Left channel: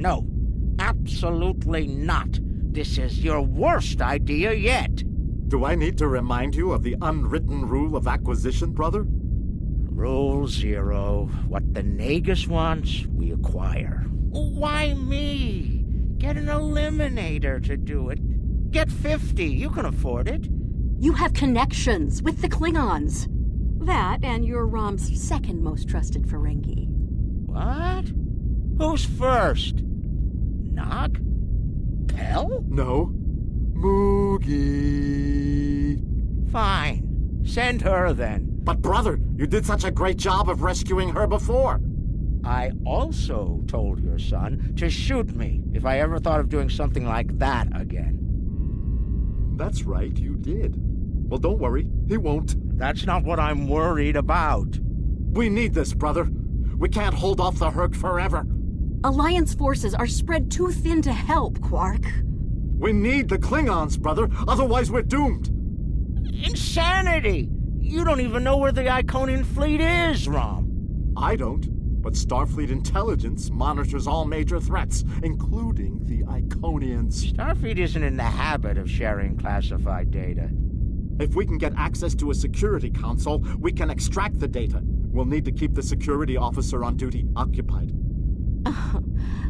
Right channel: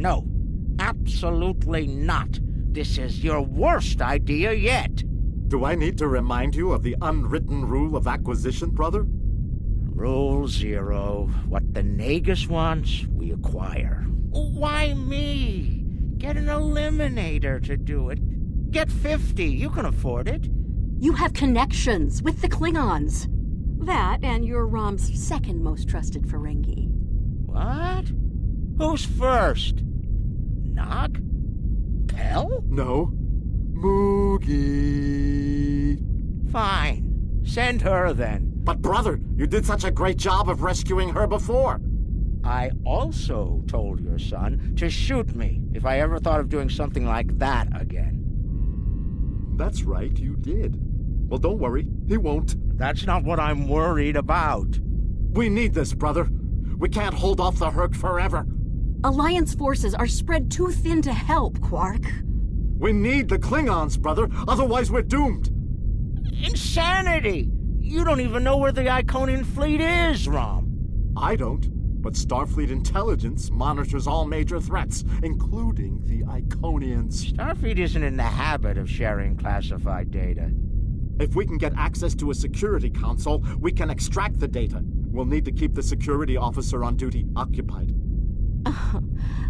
no. Absolutely not. This is your worst idea yet. Do I need to remind you of the unwritten rule of acquisition, brother? Rule 0. What the Nagus wants, we acquire. Why me? Get an eliminator to do it. Get 50. You can afford it. You have connections with the Klingons. That and you're Rom's second most trusted Ferengi. What? Who's first? Nog? Pell? No. Moogie. Fine. Send her then. But brother, you did such a great job of rescuing her before. I also told your son to shoot me if I ever thought of doing something like that again. That's right, you did. Well, don't worry, he won't. That's not what I'm worried about. We need this, brother. We can't hold off the Herc forever. Alliance forces are spread too thin to help, Quark. We need the Klingons, brother. Otherwise, we're doomed. Insanity! You don't even know where the Iconian fleet is, Rom. I don't. But Starfleet intelligence monitors all major threats, including the Iconians. Starfleet isn't in the habit of sharing classified data. If we can get access to a security console, we can extract the data. We'll need to keep the security officer on duty occupied.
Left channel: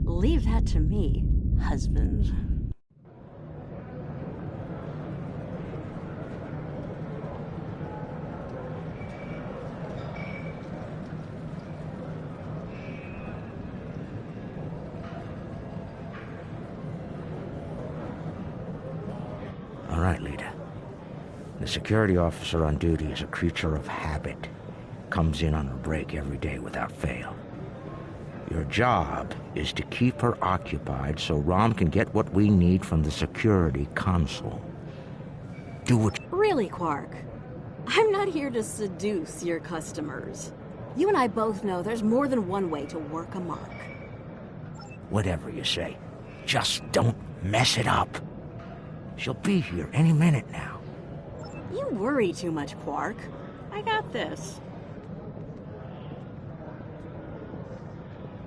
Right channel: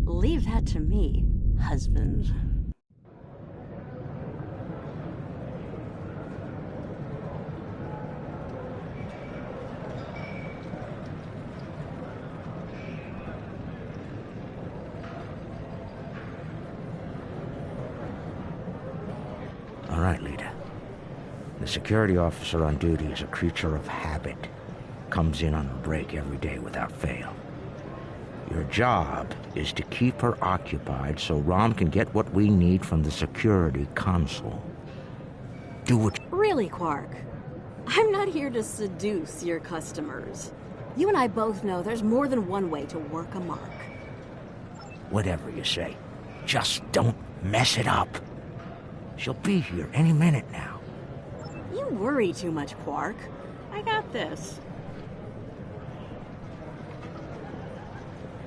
Leave that to me, husband. All right, leader. The security officer on duty is a creature of habit. Comes in on a break every day without fail. Your job is to keep her occupied so Rom can get what we need from the security console. Do it. Really, Quark? I'm not here to seduce your customers. You and I both know there's more than one way to work a mark. Whatever you say. Just don't mess it up. She'll be here any minute now. You worry too much, Quark. I got this.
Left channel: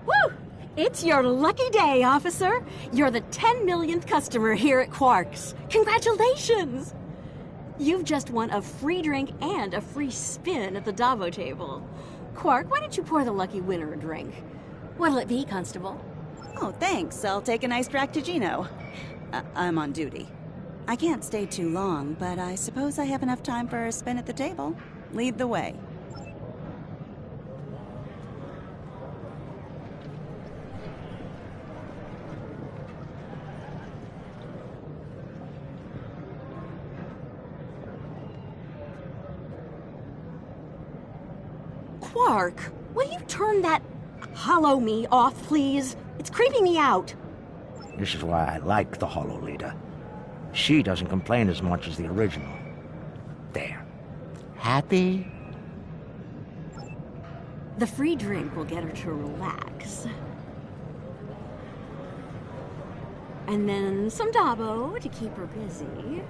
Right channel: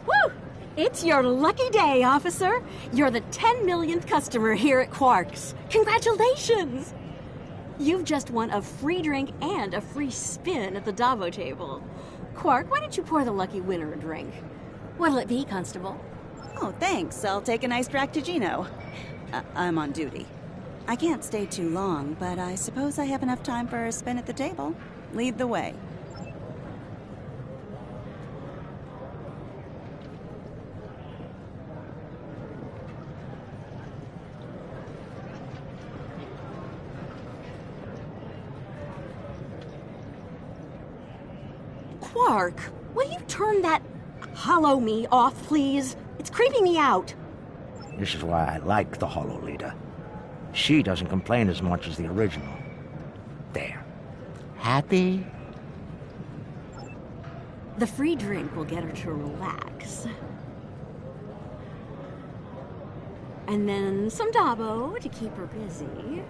Woo! It's your lucky day, officer. You're the 10 millionth customer here at Quark's. Congratulations! You've just won a free drink and a free spin at the Davo table. Quark, why don't you pour the lucky winner a drink? What'll it be, Constable? Oh, thanks. I'll take a nice Dractigino. I'm on duty. I can't stay too long, but I suppose I have enough time for a spin at the table. Lead the way. Quark, will you turn that hollow me off, please? It's creeping me out. This is why I like the Hollow Leader. She doesn't complain as much as the original. There. Happy? The free drink will get her to relax. And then some Dabo to keep her busy.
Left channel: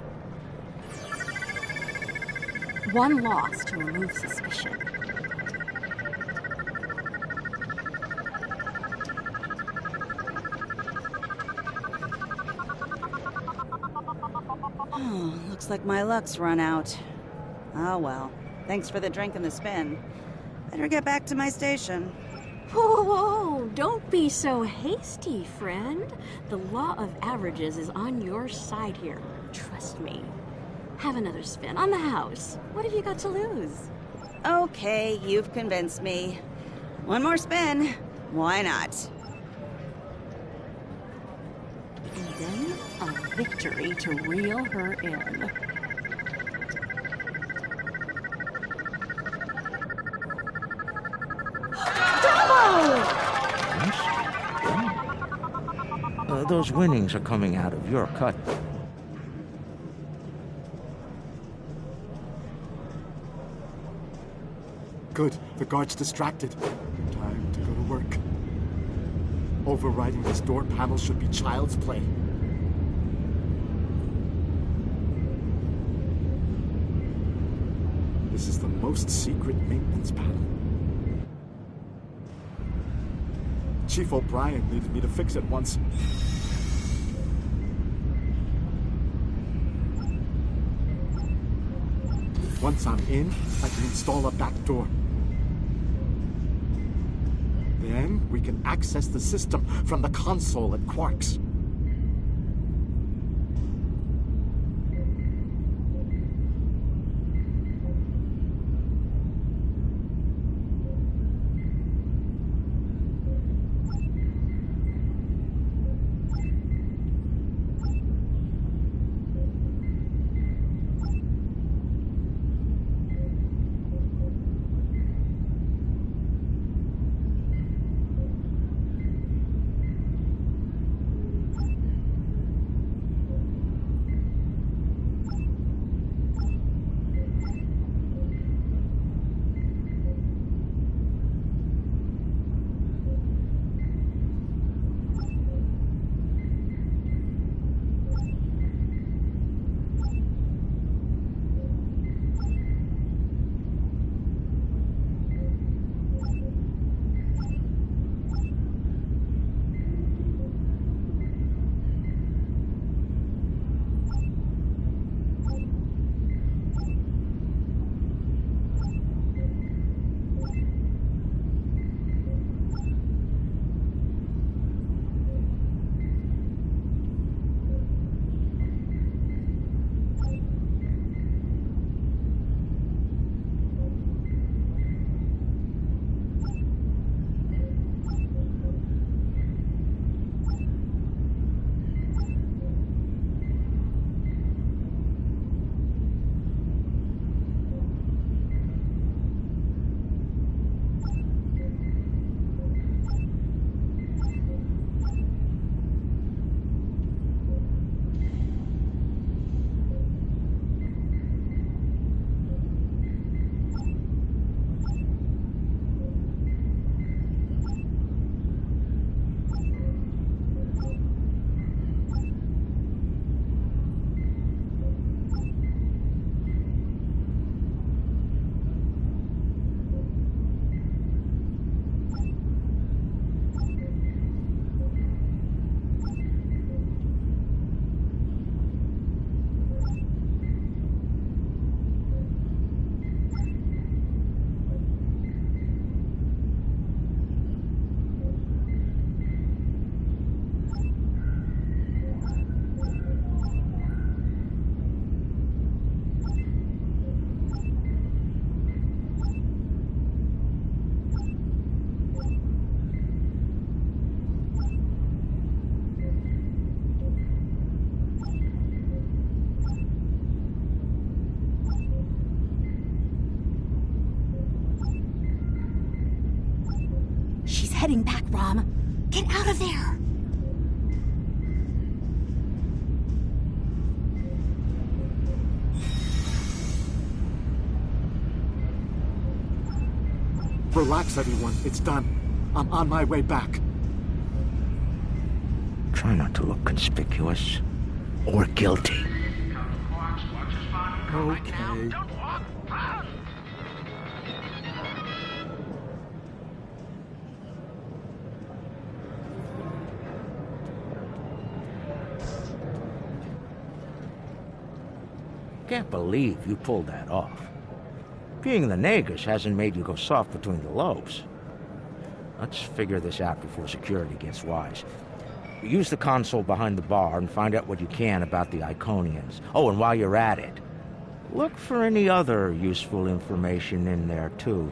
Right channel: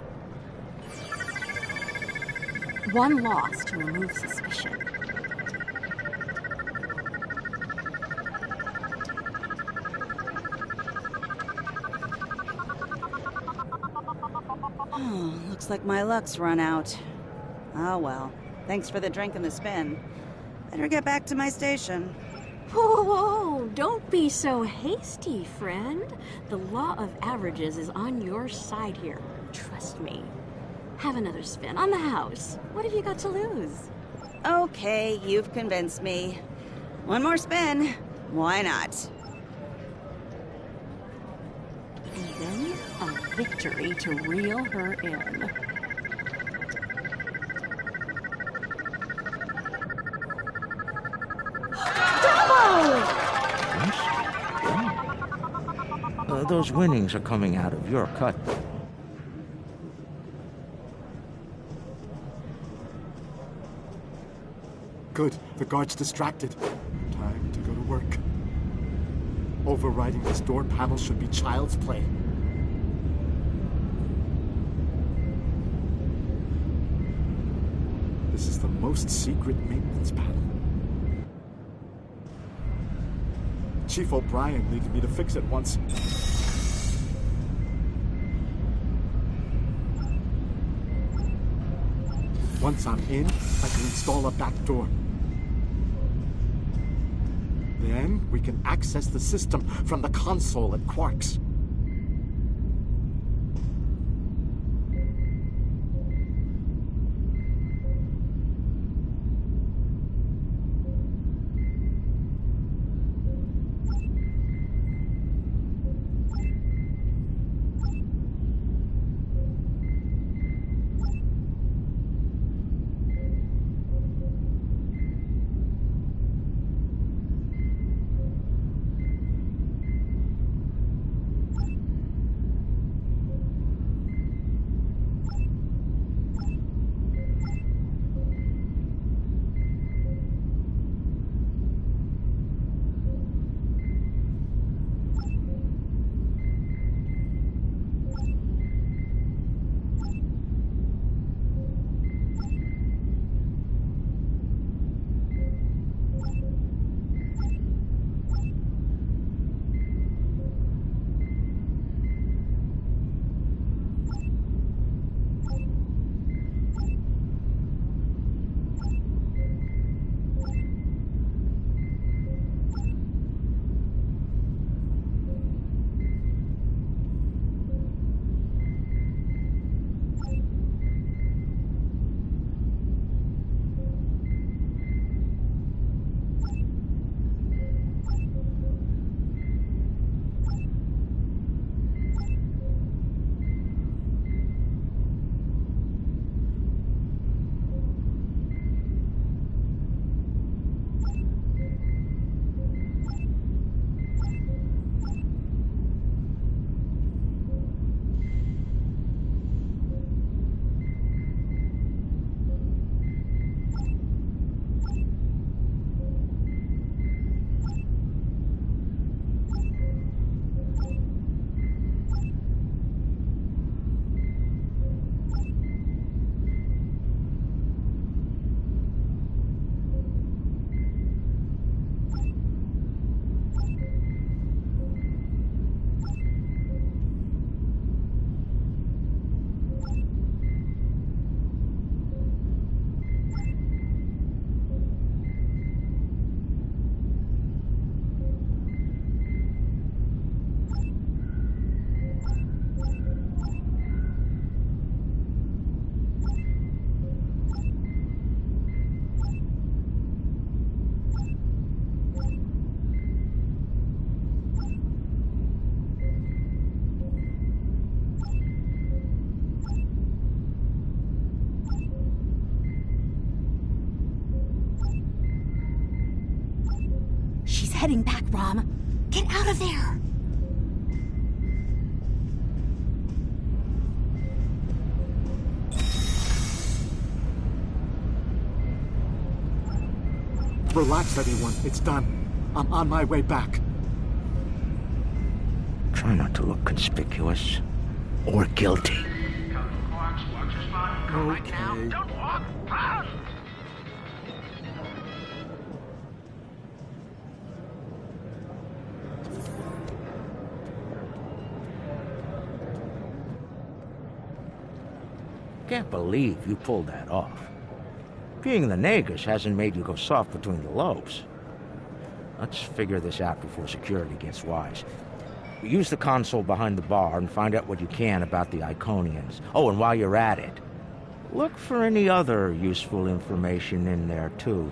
One loss to remove suspicion. Oh, looks like my luck's run out. Oh well. Thanks for the drink and the spin. Better get back to my station. Whoa, whoa, don't be so hasty, friend. The law of averages is on your side here. Trust me. Have another spin on the house. What have you got to lose? Okay, you've convinced me. One more spin. Why not? And then a victory to reel her in. Those winnings are coming out of your cut. Good. The guard's distracted. Time to go to work. Overriding this door panel should be child's play. This is the most secret maintenance panel. Chief O'Brien needed me to fix it once. Once I'm in, I can install a back door. Then we can access the system from the console at Quark's. She's heading back, Rom. Get out of there! Relax, everyone. It's done. I'm on my way back. Try not to look conspicuous or guilty. Come to Quark's, watch your spot. Go right now. Okay. Don't walk. Run! Can't believe you pulled that off. Being the Nagus hasn't made you go soft between the lobes. Let's figure this out before security gets wise. Use the console behind the bar and find out what you can about the Iconians. Oh, and while you're at it, look for any other useful information in there, too.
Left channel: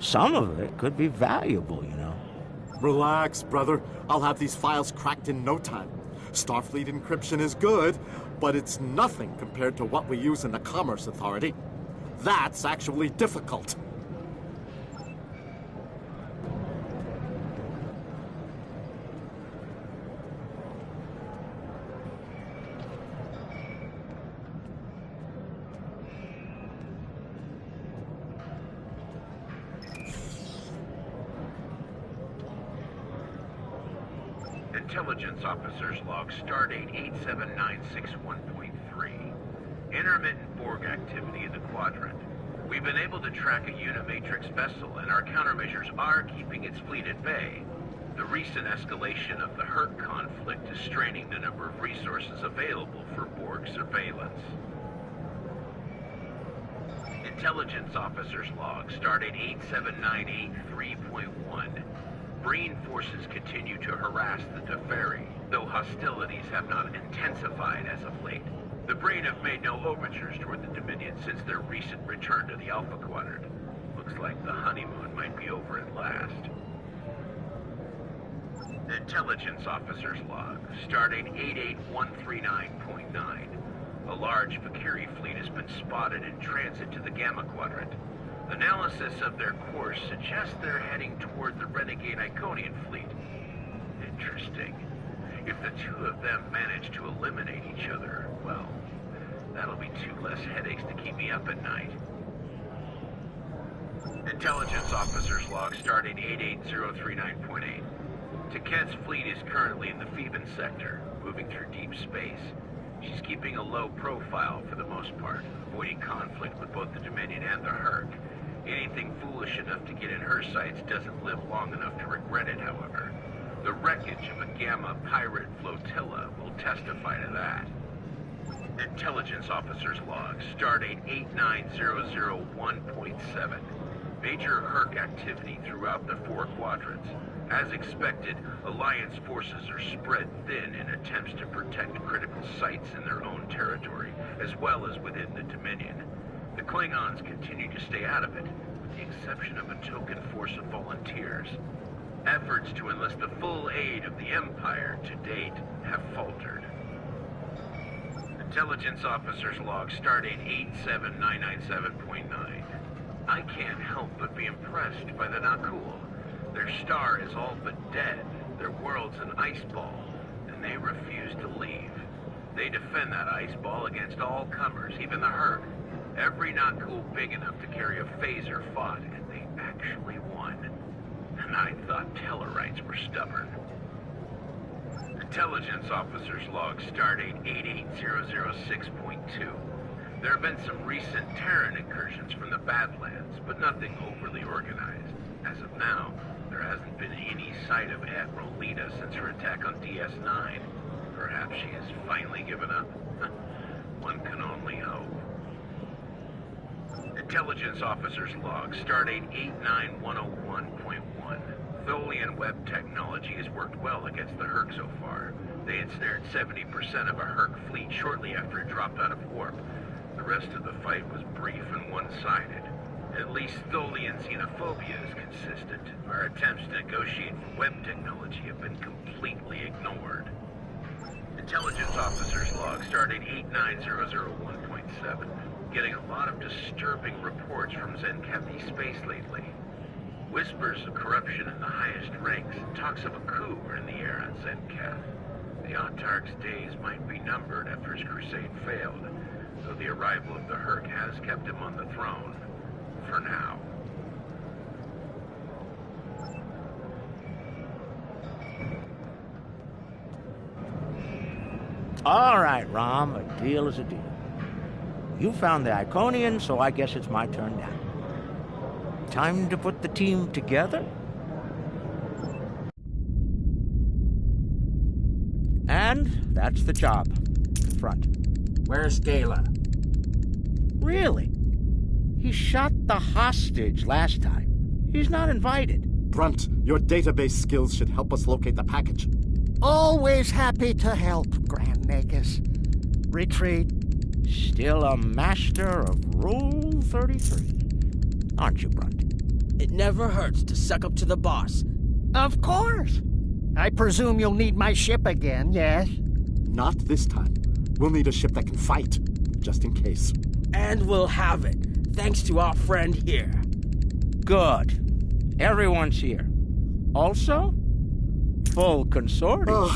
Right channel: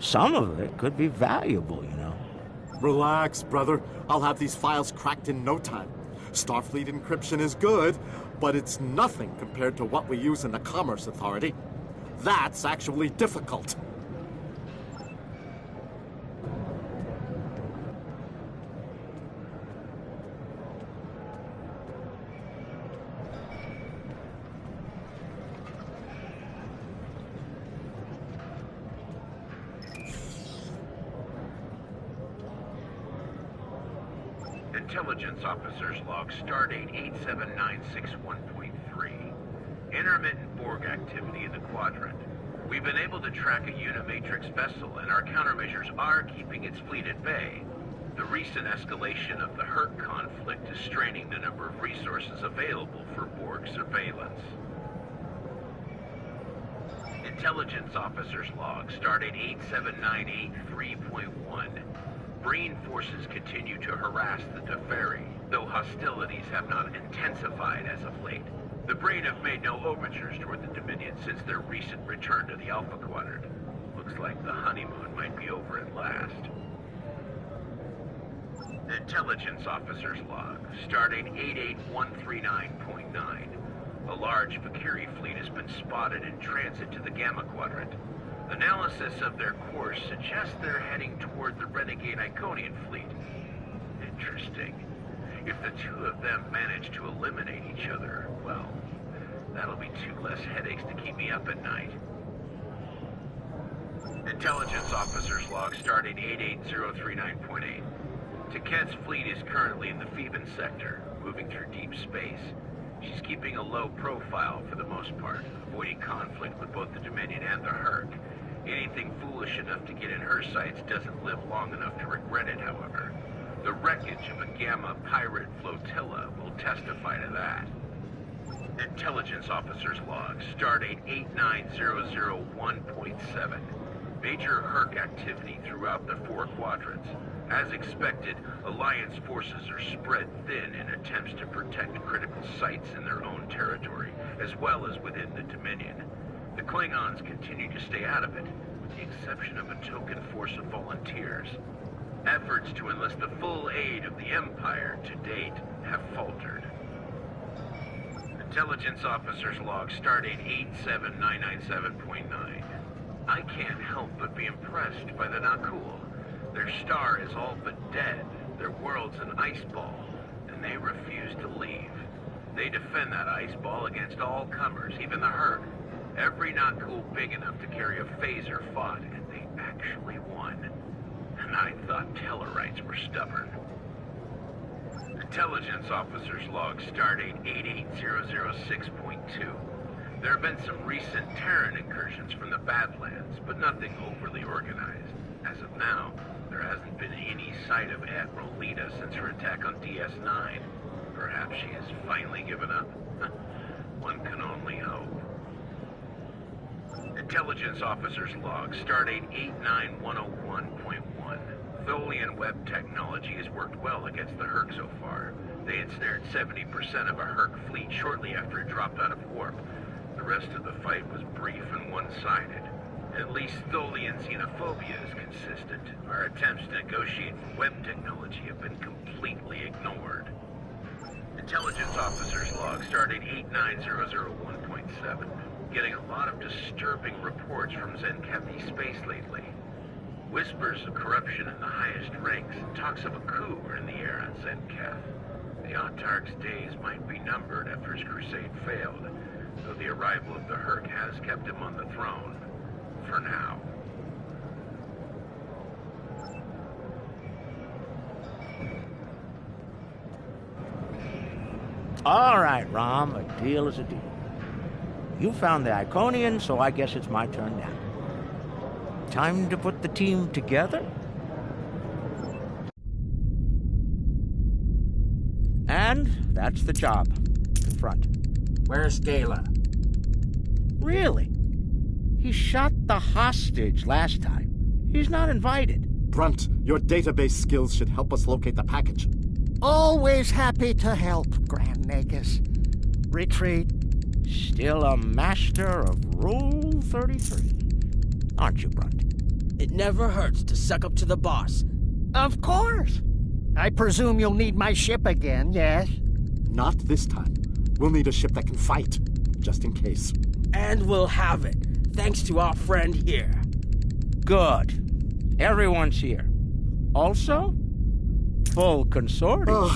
Some of it could be valuable, you know. Relax, brother. I'll have these files cracked in no time. Starfleet encryption is good, but it's nothing compared to what we use in the Commerce Authority. That's actually difficult. Intelligence Officer's Log, Stardate 87961.3. Intermittent Borg activity in the quadrant. We've been able to track a Unimatrix vessel, and our countermeasures are keeping its fleet at bay. The recent escalation of the Herc conflict is straining the number of resources available for Borg surveillance. Intelligence Officer's Log, Stardate 87983.1. Breen forces continue to harass the Teferi, though hostilities have not intensified as of late. The Breen have made no overtures toward the Dominion since their recent return to the Alpha Quadrant. Looks like the honeymoon might be over at last. Intelligence Officer's Log, Stardate 88139.9. A large Vakiri fleet has been spotted in transit to the Gamma Quadrant. Analysis of their course suggests they're heading toward the renegade Iconian fleet. Interesting. If the two of them manage to eliminate each other, well, that'll be 2 less headaches to keep me up at night. Intelligence Officer's Log, Stardate 88039.8. Taket's fleet is currently in the Phoeban sector, moving through deep space. She's keeping a low profile for the most part, avoiding conflict with both the Dominion and the Herc. Anything foolish enough to get in her sights doesn't live long enough to regret it, however. The wreckage of a Gamma pirate flotilla will testify to that. Intelligence Officer's Log, Stardate 89001.7. Major Herc activity throughout the 4 quadrants. As expected, Alliance forces are spread thin in attempts to protect critical sites in their own territory, as well as within the Dominion. The Klingons continue to stay out of it, with the exception of a token force of volunteers. Efforts to enlist the full aid of the Empire to date have faltered. Intelligence Officer's Log, Stardate 87997.9. I can't help but be impressed by the Nakul. Their star is all but dead, their world's an ice ball, and they refuse to leave. They defend that ice ball against all comers, even the Herc. Every Nakul big enough to carry a phaser fought, and they actually won. And I thought Tellarites were stubborn. Intelligence Officer's Log, Stardate 88006.2. There have been some recent Terran incursions from the Badlands, but nothing overly organized. As of now, there hasn't been any sight of Admiral Lita since her attack on DS9. Perhaps she has finally given up. One can only hope. Intelligence Officer's Log, Stardate 89101.1. Tholian web technology has worked well against the Herc so far. They ensnared 70% of a Herc fleet shortly after it dropped out of warp. The rest of the fight was brief and one-sided. At least Tholian xenophobia is consistent. Our attempts to negotiate for web technology have been completely ignored. Intelligence Officer's Log, Stardate 89001.7. Getting a lot of disturbing reports from Zenkethi space lately. Whispers of corruption in the highest ranks and talks of a coup are in the air on Zenketh. The Autarch's days might be numbered after his crusade failed, though the arrival of the Herc has kept him on the throne. For now. All right, Rom, a deal is a deal. You found the Iconian, so I guess it's my turn now. Time to put the team together? And that's the job. Confront. Where's Gala? Really? He shot the hostage last time. He's not invited. Brunt, your database skills should help us locate the package. Always happy to help, Grand Nagus. Retreat. Still a master of Rule 33. Aren't you, Brunt? It never hurts to suck up to the boss. Of course. I presume you'll need my ship again, yes? Not this time. We'll need a ship that can fight, just in case. And we'll have it, thanks to our friend here. Good. Everyone's here. Also, full consortium.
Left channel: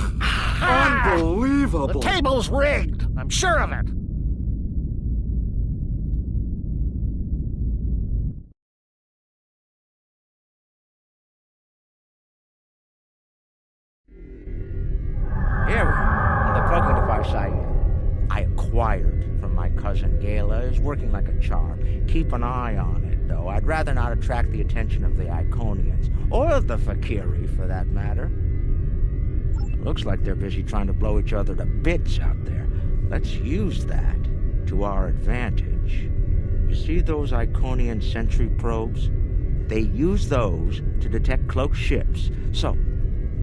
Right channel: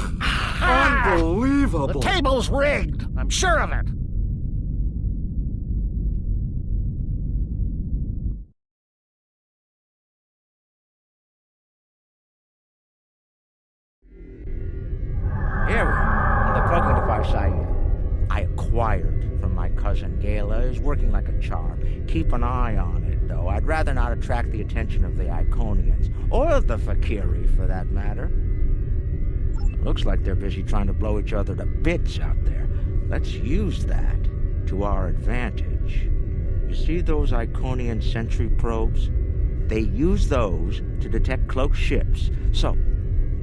Unbelievable! The table's rigged. I'm sure of it. Here we are. The cloaking device I acquired from my cousin Gala is working like a charm. Keep an eye on it. though. I'd rather not attract the attention of the Iconians, or the Fakiri, for that matter. Looks like they're busy trying to blow each other to bits out there. Let's use that to our advantage. You see those Iconian sentry probes? They use those to detect cloaked ships, so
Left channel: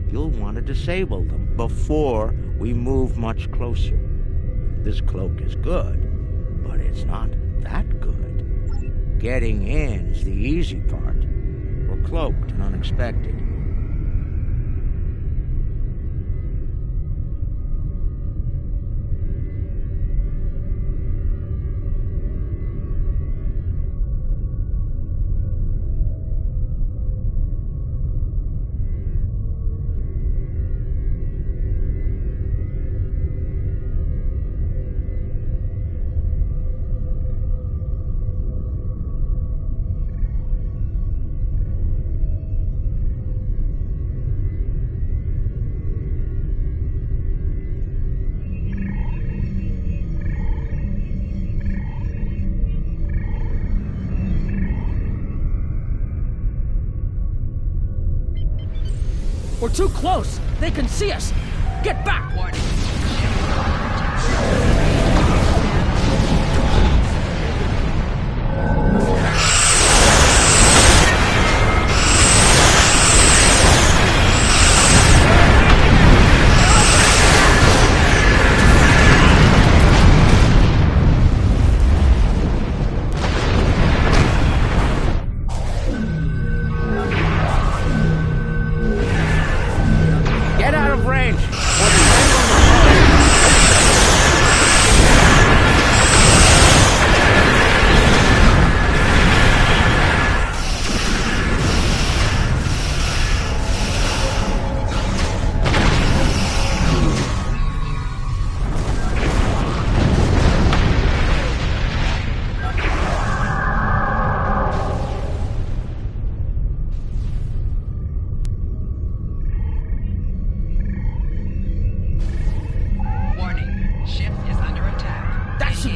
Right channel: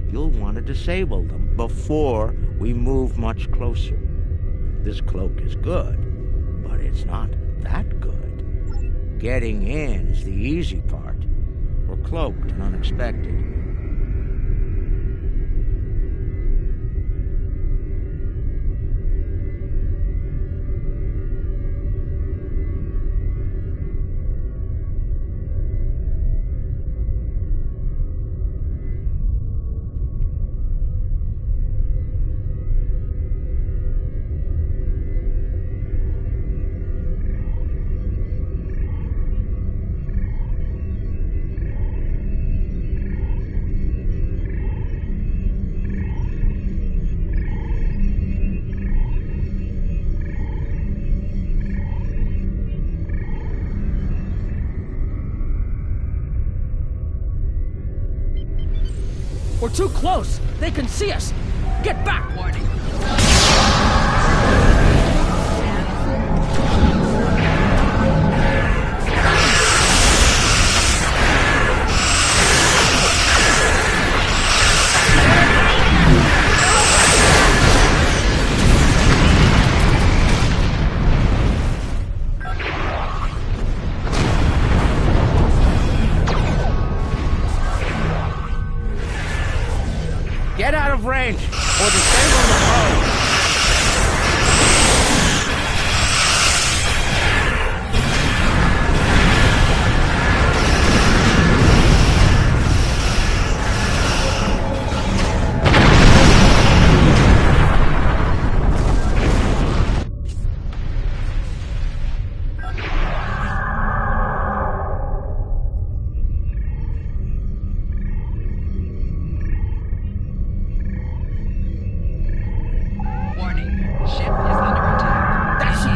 you'll want to disable them before we move much closer. This cloak is good, but it's not that good. Getting in's the easy part. We're cloaked and unexpected. We're too close! They can see us! Get back! Warning. Get out of range, or the end on the road.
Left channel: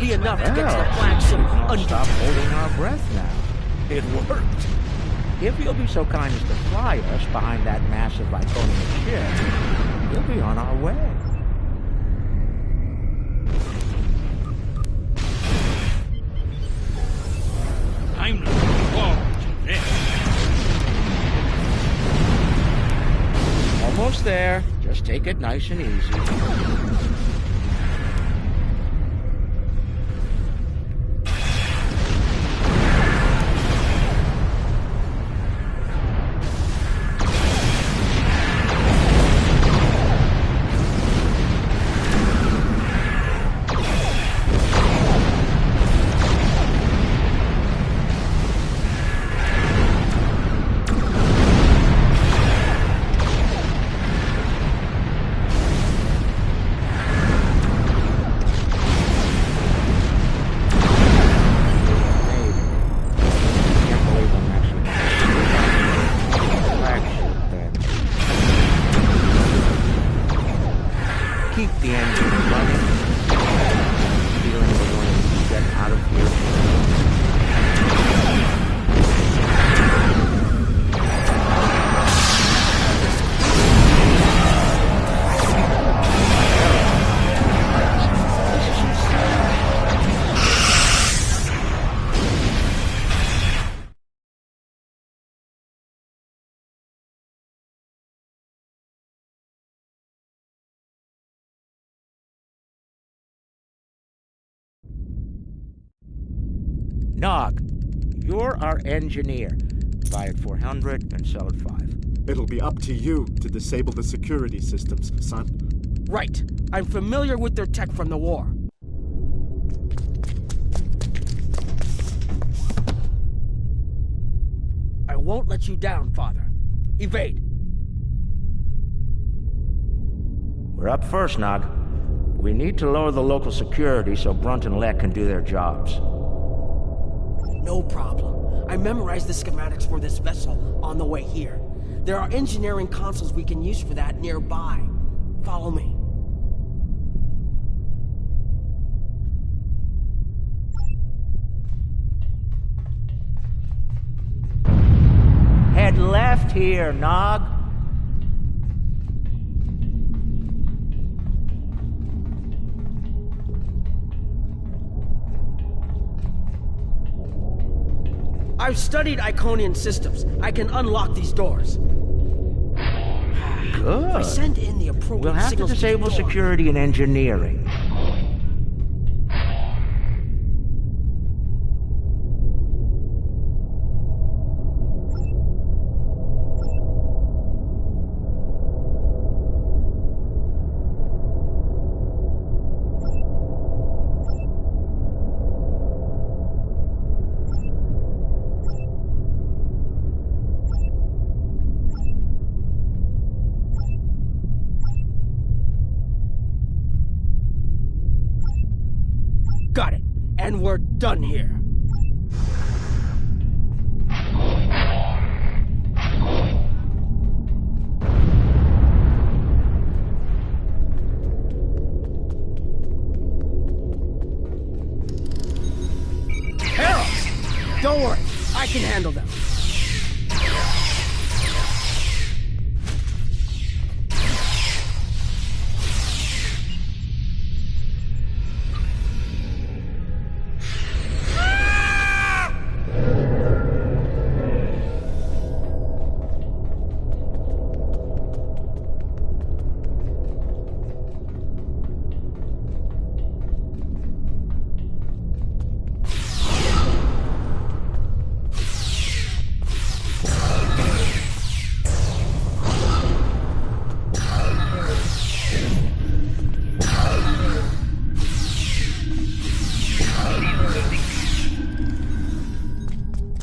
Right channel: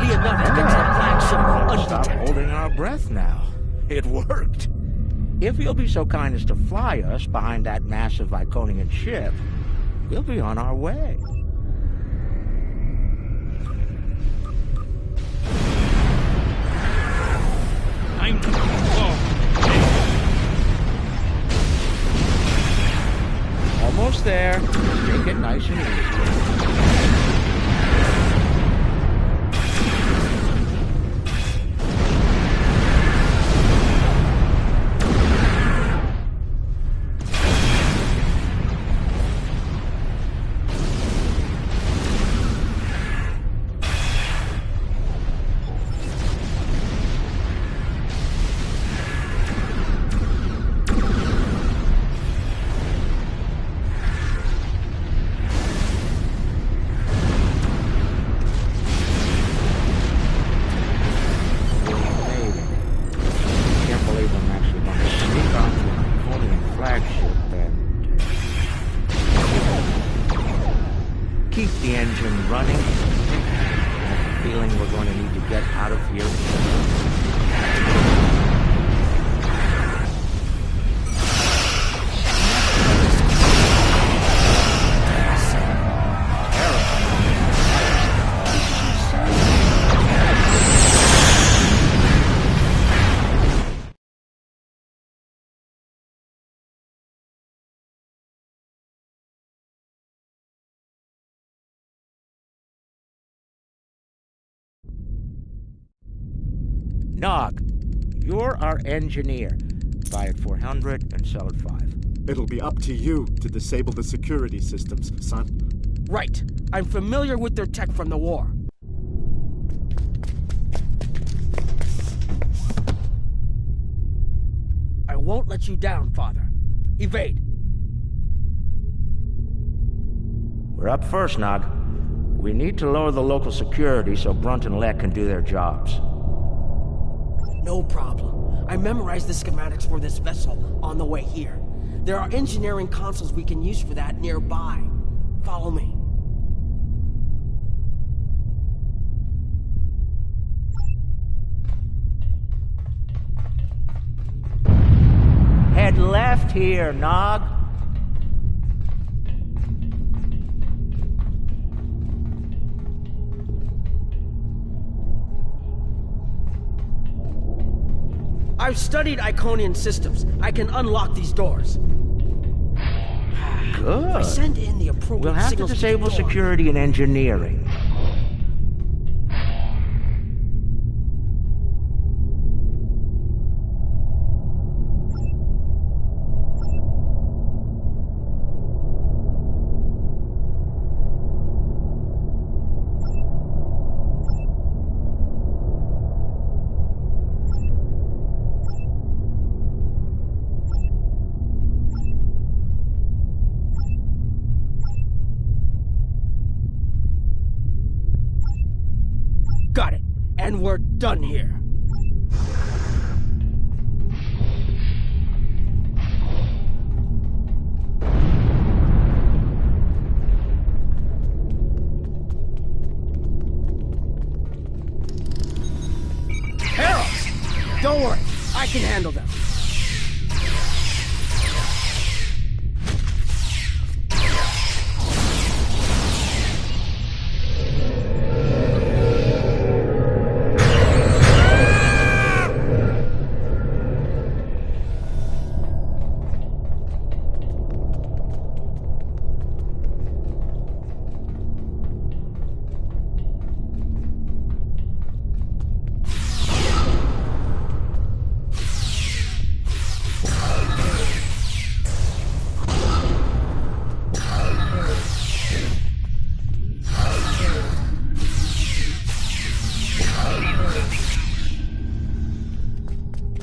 Enough to get to the flagship Stop undetected. holding our breath now. It worked. If you'll be so kind as to fly us behind that massive Iconian ship, we'll be on our way. I'm Quark. Almost there. Just take it nice and easy. Keep the engine running. Feeling we're going to need to get out of here. Nog, you're our engineer. Buy it 400 and sell it 5. It'll be up to you to disable the security systems, son. Right. I'm familiar with their tech from the war. I won't let you down, Father. Evade. We're up first, Nog. We need to lower the local security so Brunt and Lek can do their jobs. No problem. I memorized the schematics for this vessel on the way here. There are engineering consoles we can use for that nearby. Follow me. Head left here, Nog. I've studied Iconian systems. I can unlock these doors. Good. If I send in the appropriate We'll have to signals disable the door. security and engineering. Got it. And we're done here. Harold! Don't worry. I can handle them.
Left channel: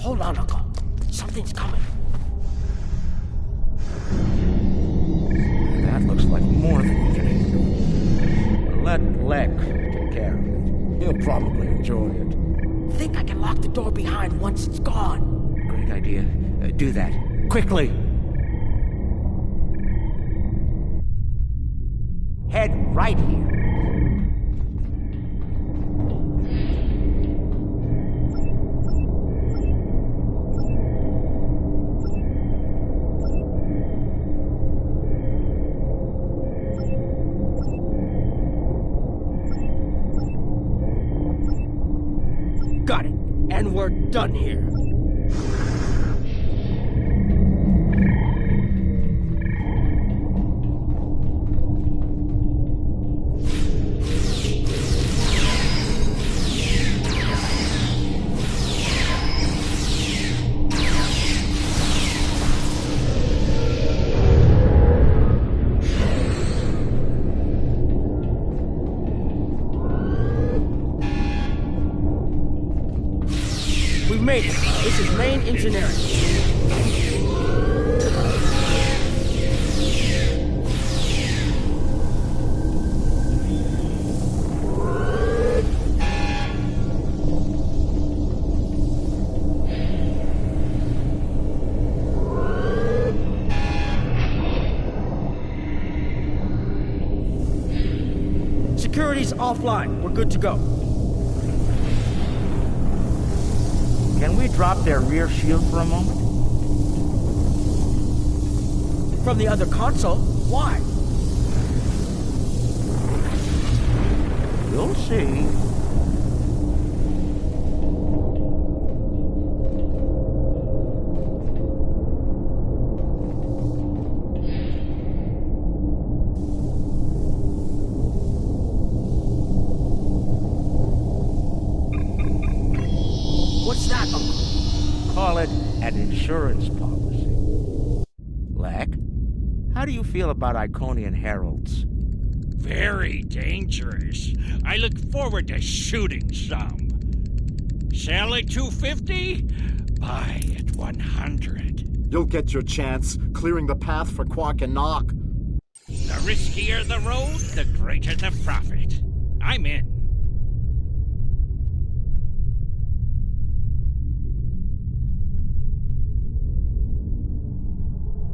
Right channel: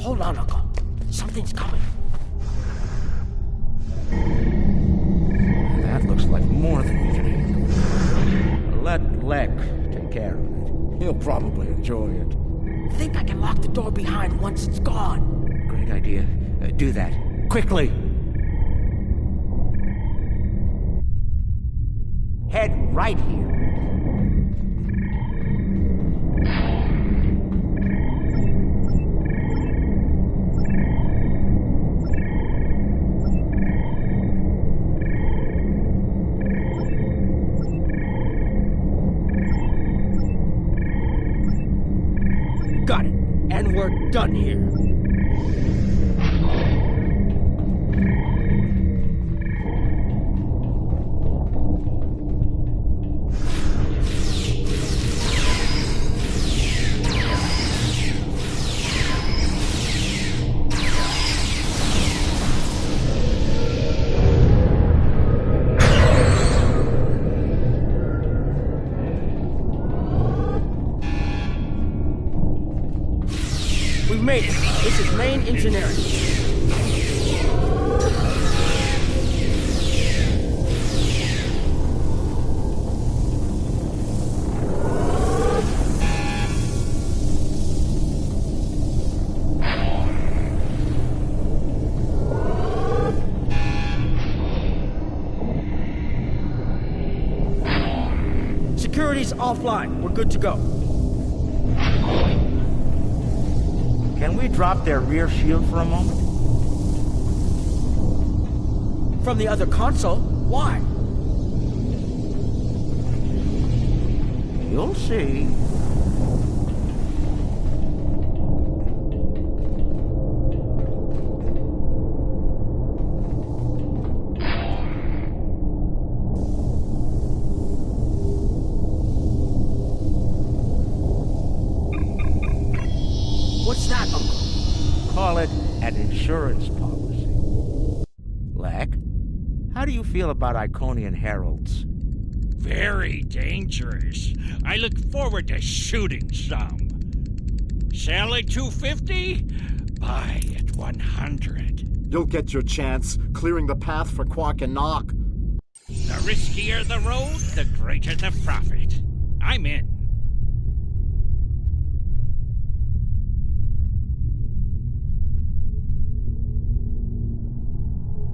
Hold on, Uncle. Something's coming. That looks like more than we can handle. Let Lek take care of it. He'll probably enjoy it. I think I can lock the door behind once it's gone. Great idea. Do that. Quickly! Head right here. Got it. And we're done here. We've made it. This is main engineering. Security's offline. We're good to go. Can we drop their rear shield for a moment? From the other console? Why? You'll see. What's that, Uncle? Call it an insurance policy. Lek, how do you feel about Iconian heralds? Very dangerous. I look forward to shooting some. Sell at 250? Buy at 100. You'll get your chance, clearing the path for Quark and Nog. The riskier the road, the greater the profit. I'm in.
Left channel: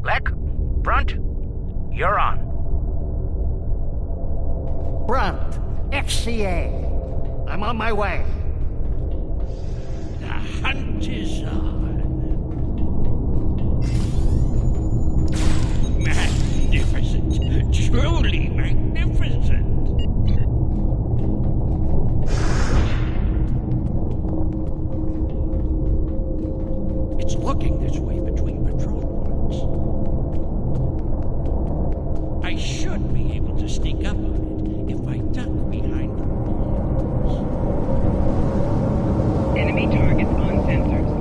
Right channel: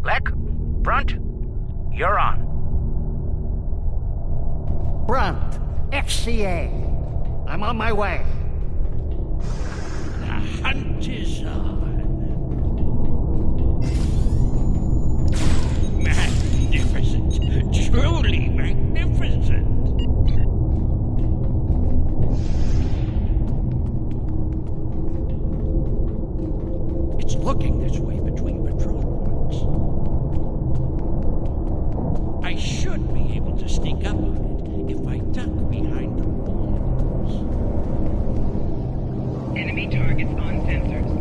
Lek, Brunt, you're on. Brunt, XCA. I'm on my way. The hunt is on. It's looking this way between patrol points. I should be able to sneak up on it if I duck behind the walls. Enemy targets on sensors.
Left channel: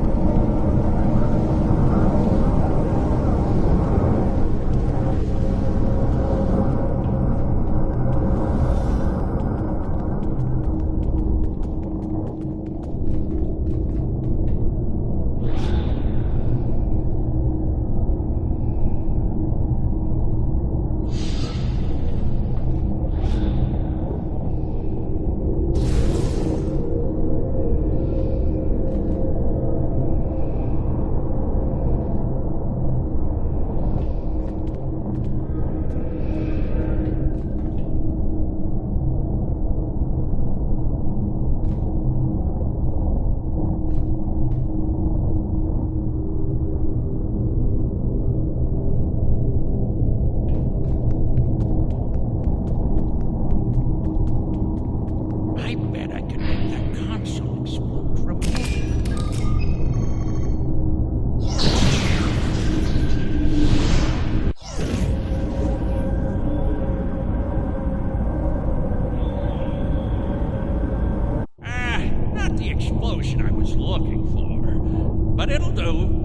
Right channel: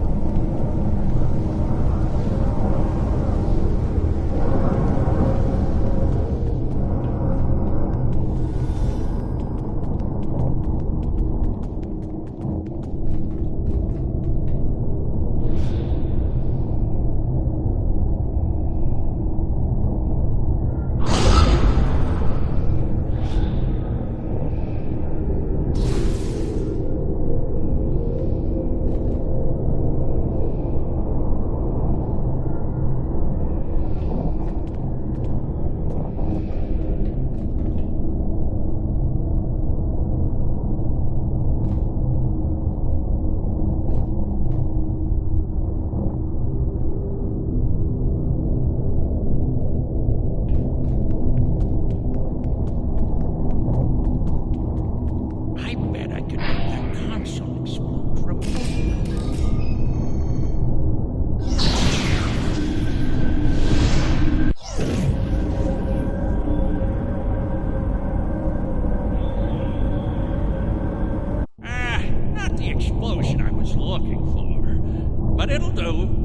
I bet I could make that console explode remotely. Not the explosion I was looking for, but it'll do.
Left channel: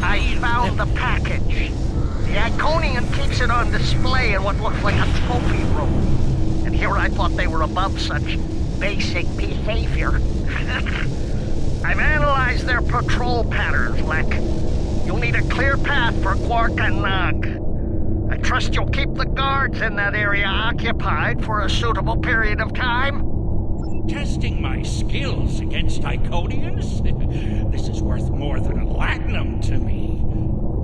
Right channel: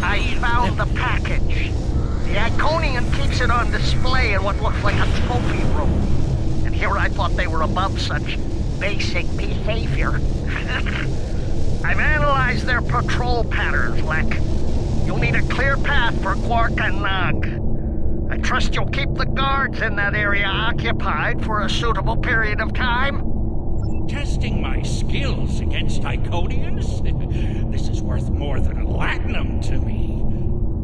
I found the package. The Iconian keeps it on display in what looks like a trophy room. And here I thought they were above such basic behavior. I've analyzed their patrol patterns, Lek. You'll need a clear path for Quark and Nog. I trust you'll keep the guards in that area occupied for a suitable period of time. Testing my skills against Iconians? This is worth more than platinum to me.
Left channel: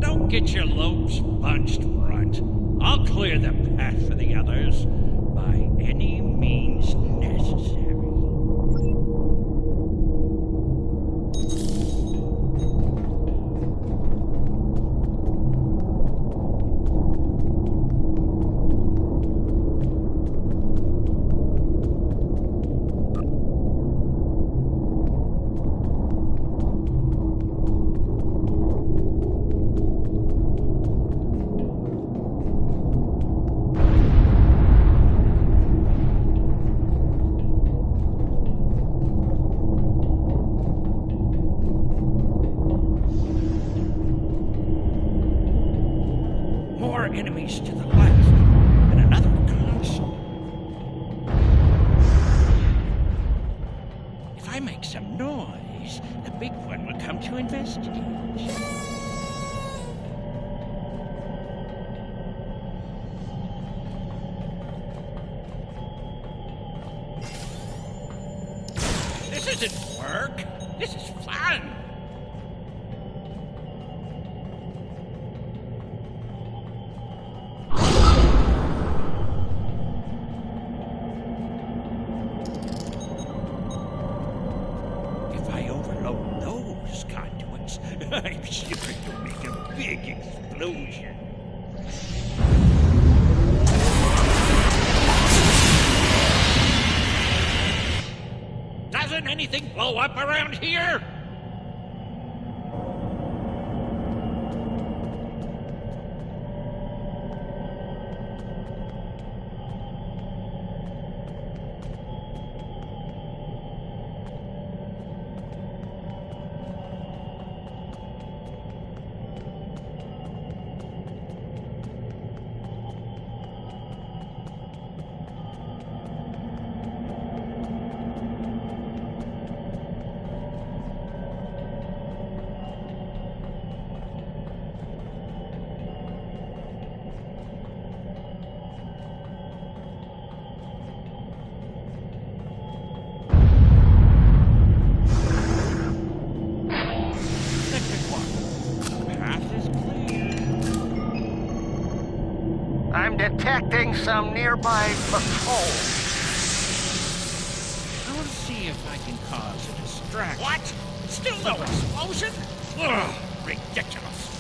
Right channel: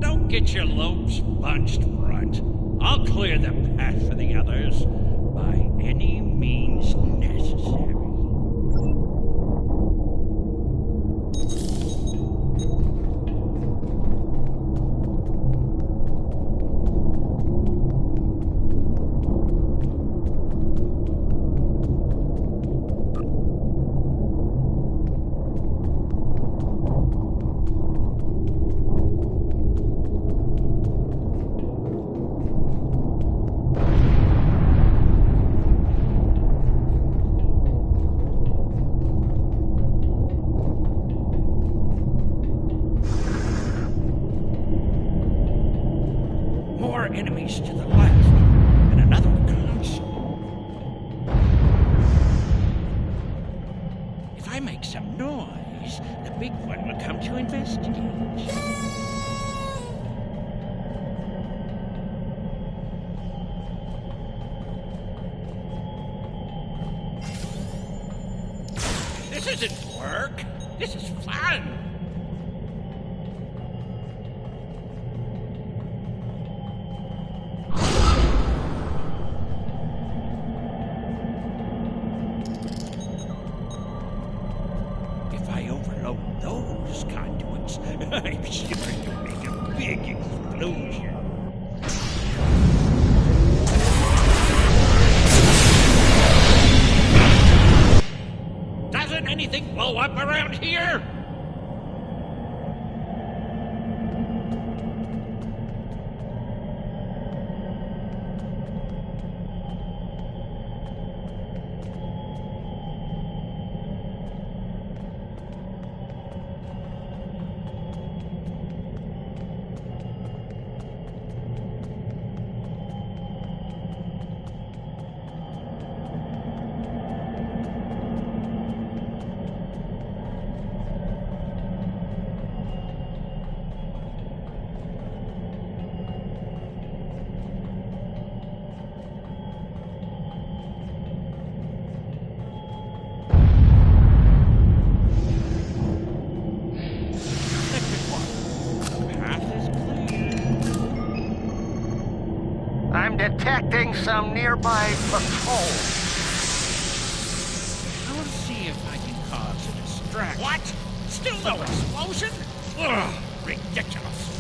Don't get your lopes bunched, Brunt. I'll clear the path for the others by any means necessary. More enemies to the left, and another console. If I make some noise, the big one will come to investigate. This isn't work. This is fun. If I overload those conduits, I'm sure to make a big explosion. Doesn't anything blow up around here? warning some nearby patrol. I'll see if I can cause a distraction. What? Still no explosion? Ugh, ridiculous.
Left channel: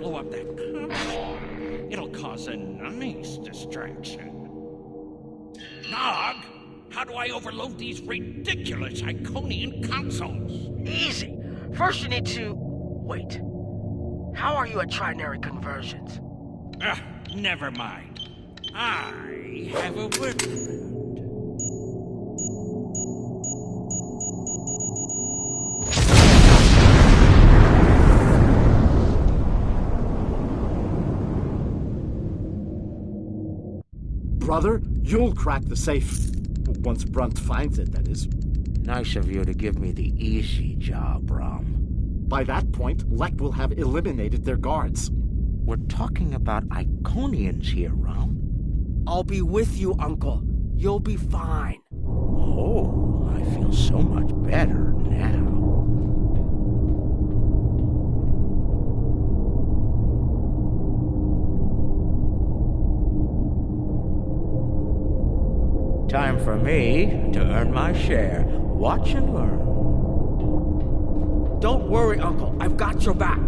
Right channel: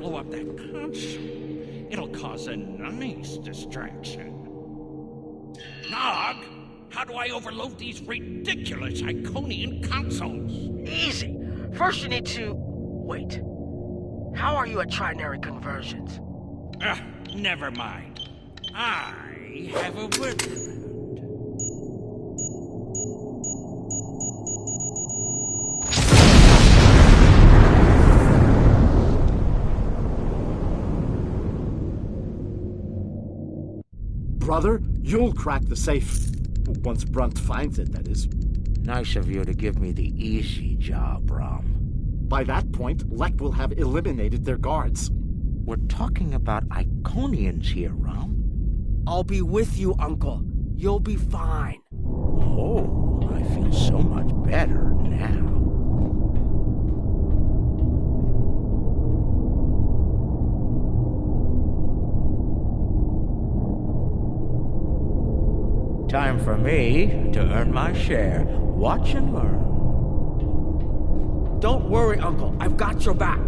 Blow up that console, it'll cause a nice distraction. Nog, how do I overload these ridiculous Iconian consoles? Easy. First you need to... Wait. How are you at trinary conversions? Never mind. I have a workaround. Brother, you'll crack the safe. Once Brunt finds it, that is. Nice of you to give me the easy job, Rom. By that point, Lek will have eliminated their guards. We're talking about Iconians here, Rom. I'll be with you, Uncle. You'll be fine. Oh, I feel so much better now. Time for me to earn my share. Watch and learn. Don't worry, Uncle. I've got your back.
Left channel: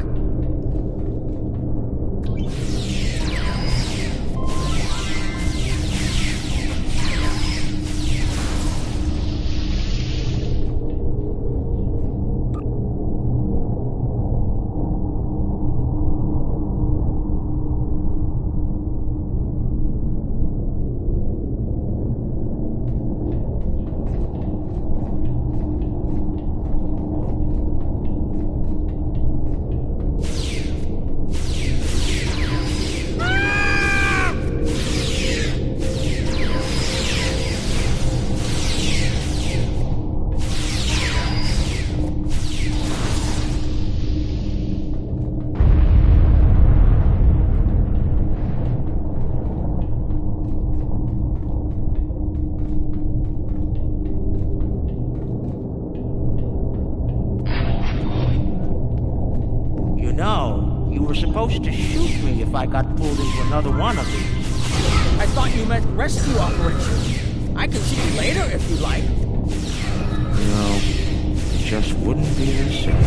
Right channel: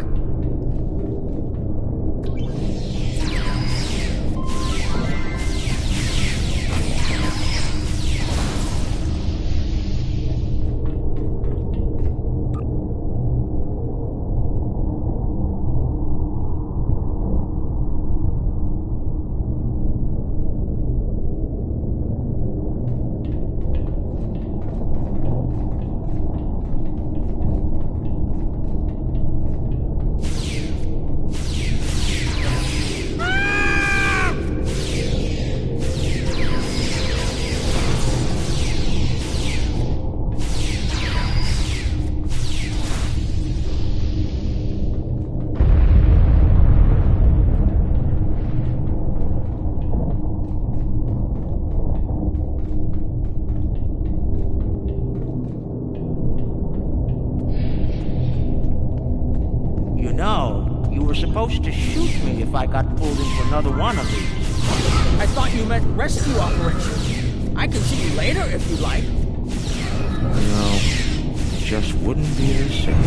You were supposed to shoot me if I got pulled into another one of these. I thought you meant rescue operation. I can see you later if you like. No, it just wouldn't be the same.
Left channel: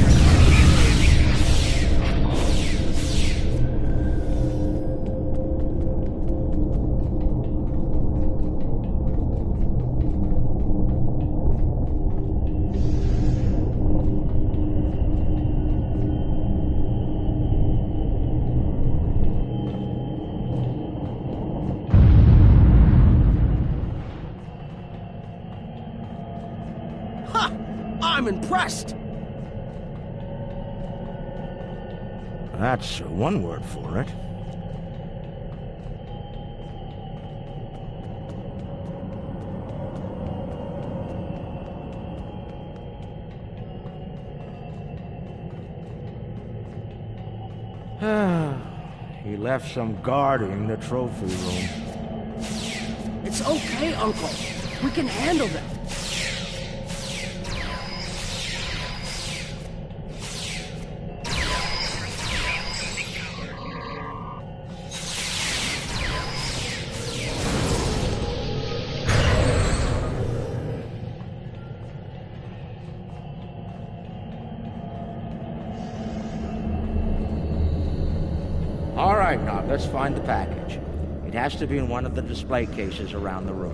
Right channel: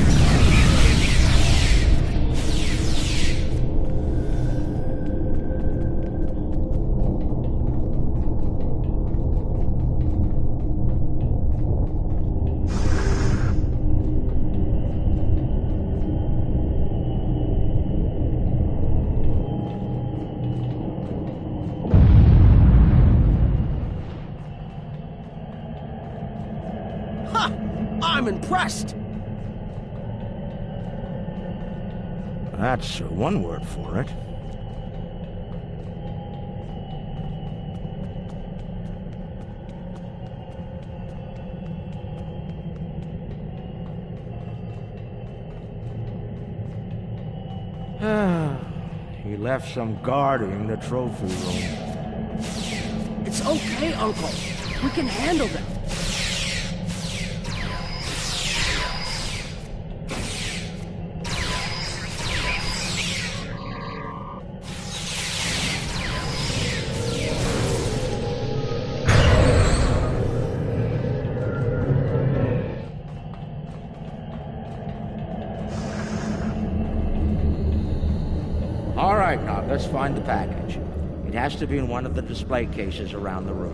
I'm impressed. That's one word for it. He left some guarding the trophy room. It's It's okay, Uncle. We can handle them. All right, now, let's find the package. It has to be in one of the display cases around the room.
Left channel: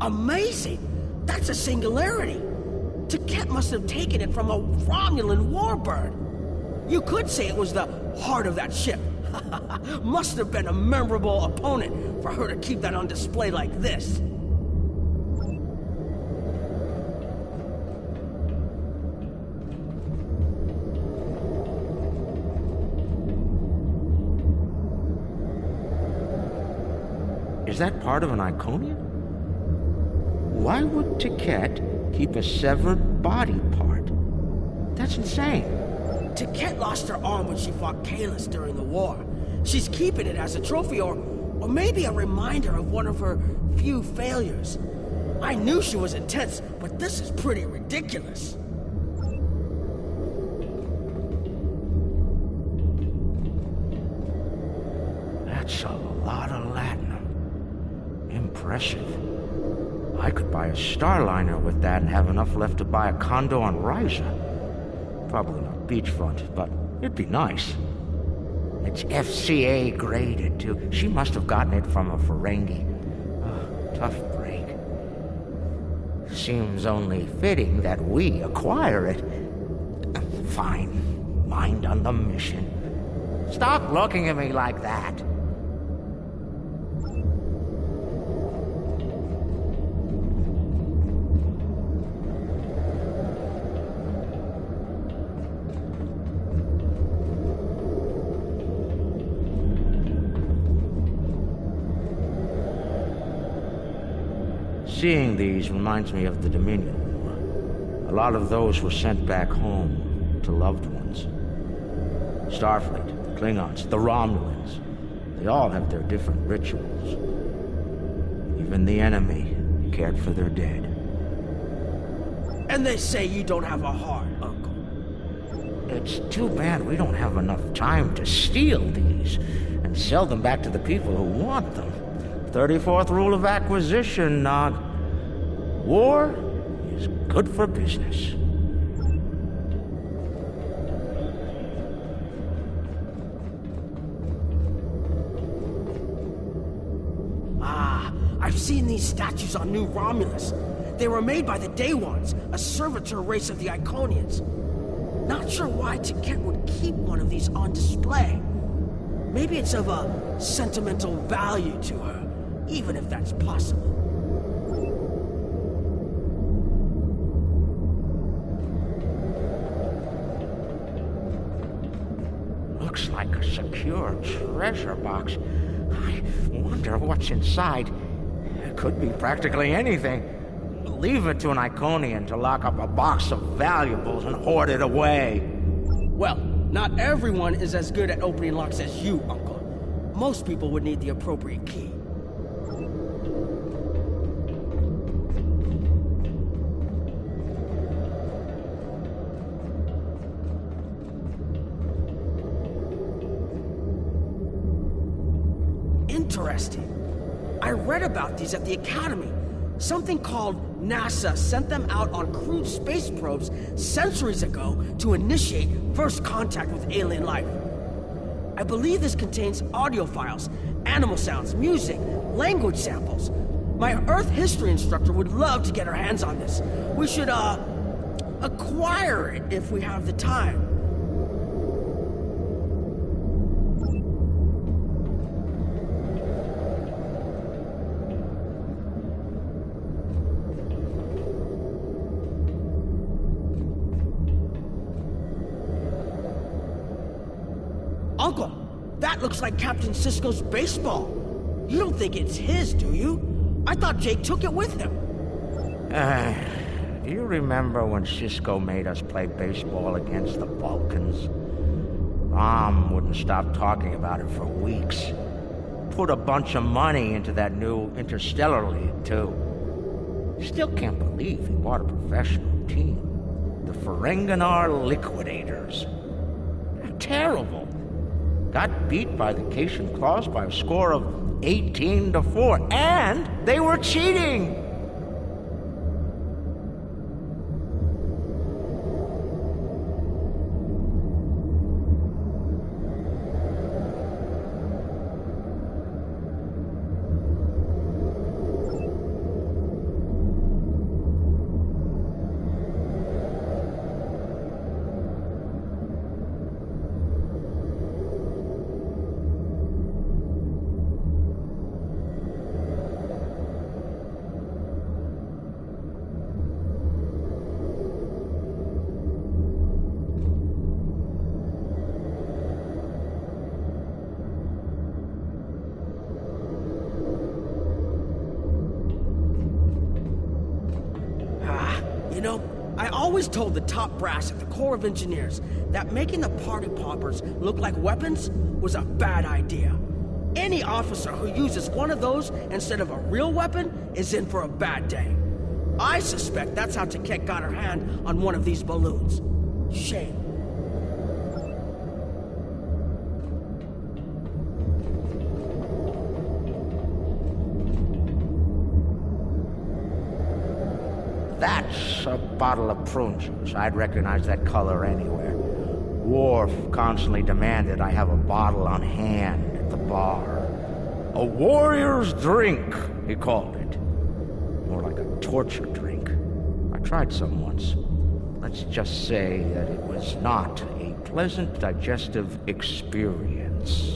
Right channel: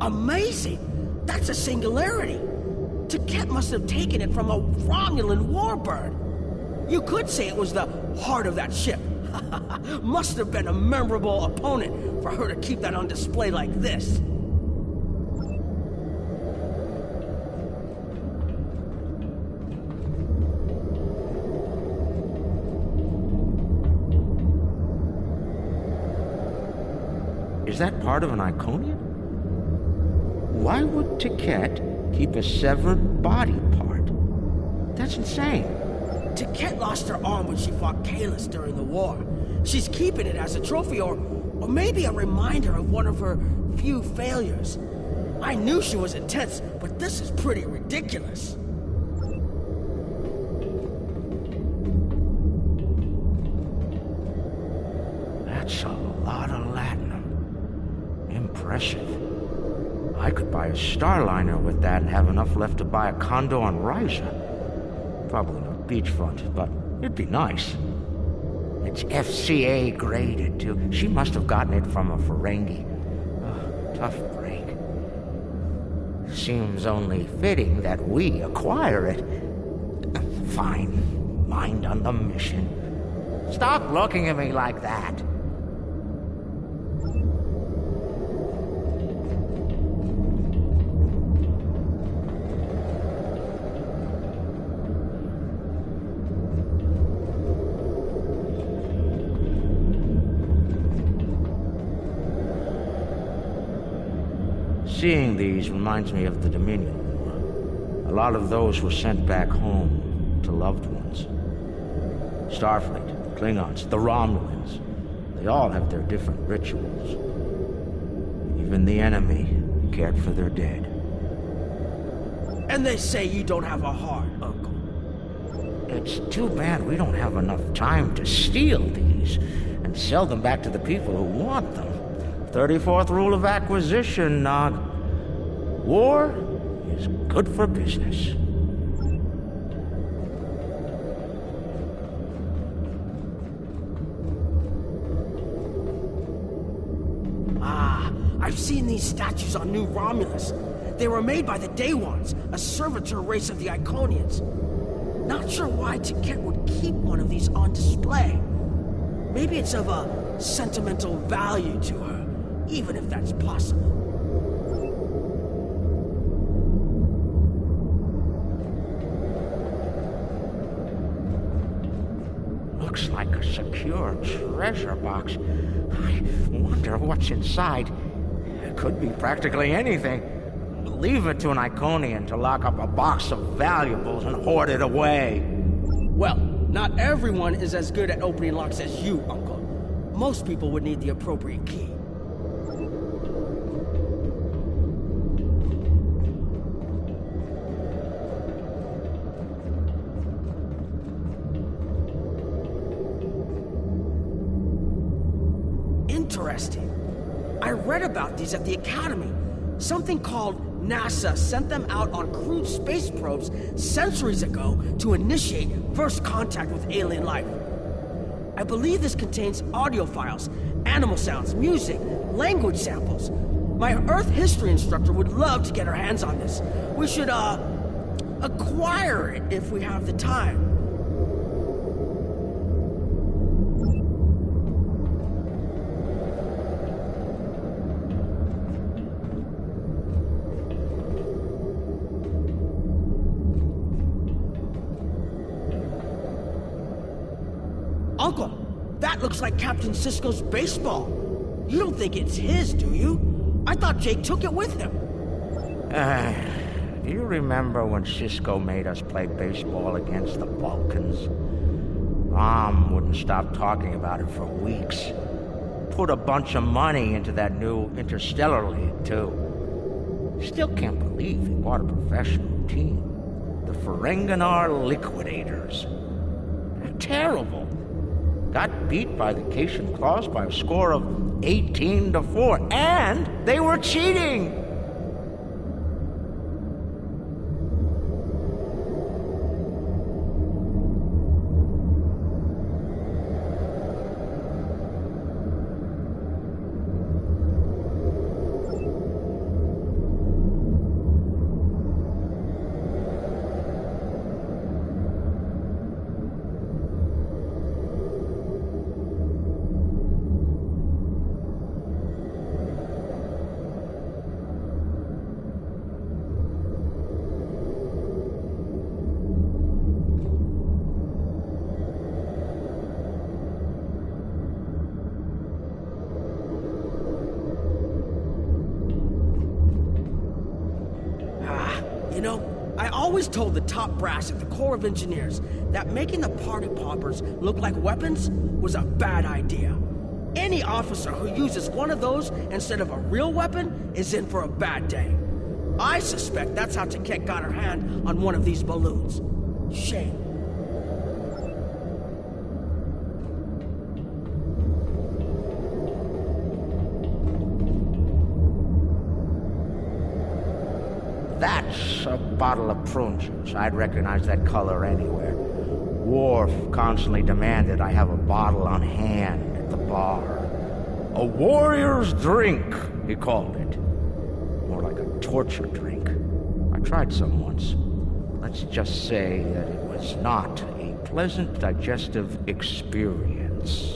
Amazing! That's a singularity! Taket must have taken it from a Romulan warbird. You could say it was the heart of that ship. Must have been a memorable opponent for her to keep that on display like this. Is that part of an Iconian? Why would Taket keep a severed body part? That's insane. Taket lost her arm when she fought Kalis during the war. She's keeping it as a trophy or maybe a reminder of one of her few failures. I knew she was intense, but this is pretty ridiculous. That's a lot of latinum. Impressive. I could buy a Starliner with that and have enough left to buy a condo on Ryza. Probably not beachfront, but it'd be nice. It's FCA graded, too. She must have gotten it from a Ferengi. Oh, tough break. Seems only fitting that we acquire it. Fine. Mind on the mission. Stop looking at me like that. Seeing these reminds me of the Dominion War. A lot of those were sent back home to loved ones. Starfleet, the Klingons, the Romulans, they all have their different rituals. Even the enemy cared for their dead. And they say you don't have a heart, Uncle. It's too bad we don't have enough time to steal these and sell them back to the people who want them. 34th rule of acquisition, Nog. War is good for business. I've seen these statues on New Romulus. They were made by the Day Ones, a servitor race of the Iconians. Not sure why Taket would keep one of these on display. Maybe it's of a sentimental value to her, even if that's possible. Looks like a secure treasure box. I wonder what's inside. It could be practically anything. Leave it to an Iconian to lock up a box of valuables and hoard it away. Well, not everyone is as good at opening locks as you, Uncle. Most people would need the appropriate key. Interesting. I read about these at the Academy. Something called NASA sent them out on crude space probes centuries ago to initiate first contact with alien life. I believe this contains audio files, animal sounds, music, language samples. My Earth history instructor would love to get her hands on this. We should, acquire it if we have the time. Uncle, that looks like Captain Sisko's baseball. You don't think it's his, do you? I thought Jake took it with him. Do you remember when Sisko made us play baseball against the Vulcans? Mom wouldn't stop talking about it for weeks. Put a bunch of money into that new Interstellar League, too. Still can't believe he bought a professional team. The Ferenginar Liquidators. They're terrible. Got beat by the Cation Claws by a score of 18-4, and they were cheating! You know, I always told the top brass at the Corps of Engineers that making the party poppers look like weapons was a bad idea. Any officer who uses one of those instead of a real weapon is in for a bad day. I suspect that's how Taket got her hand on one of these balloons. Shame. That's a bottle of prune juice. I'd recognize that color anywhere. Worf constantly demanded I have a bottle on hand at the bar. A warrior's drink, he called it. More like a torture drink. I tried some once. Let's just say that it was not a pleasant digestive experience.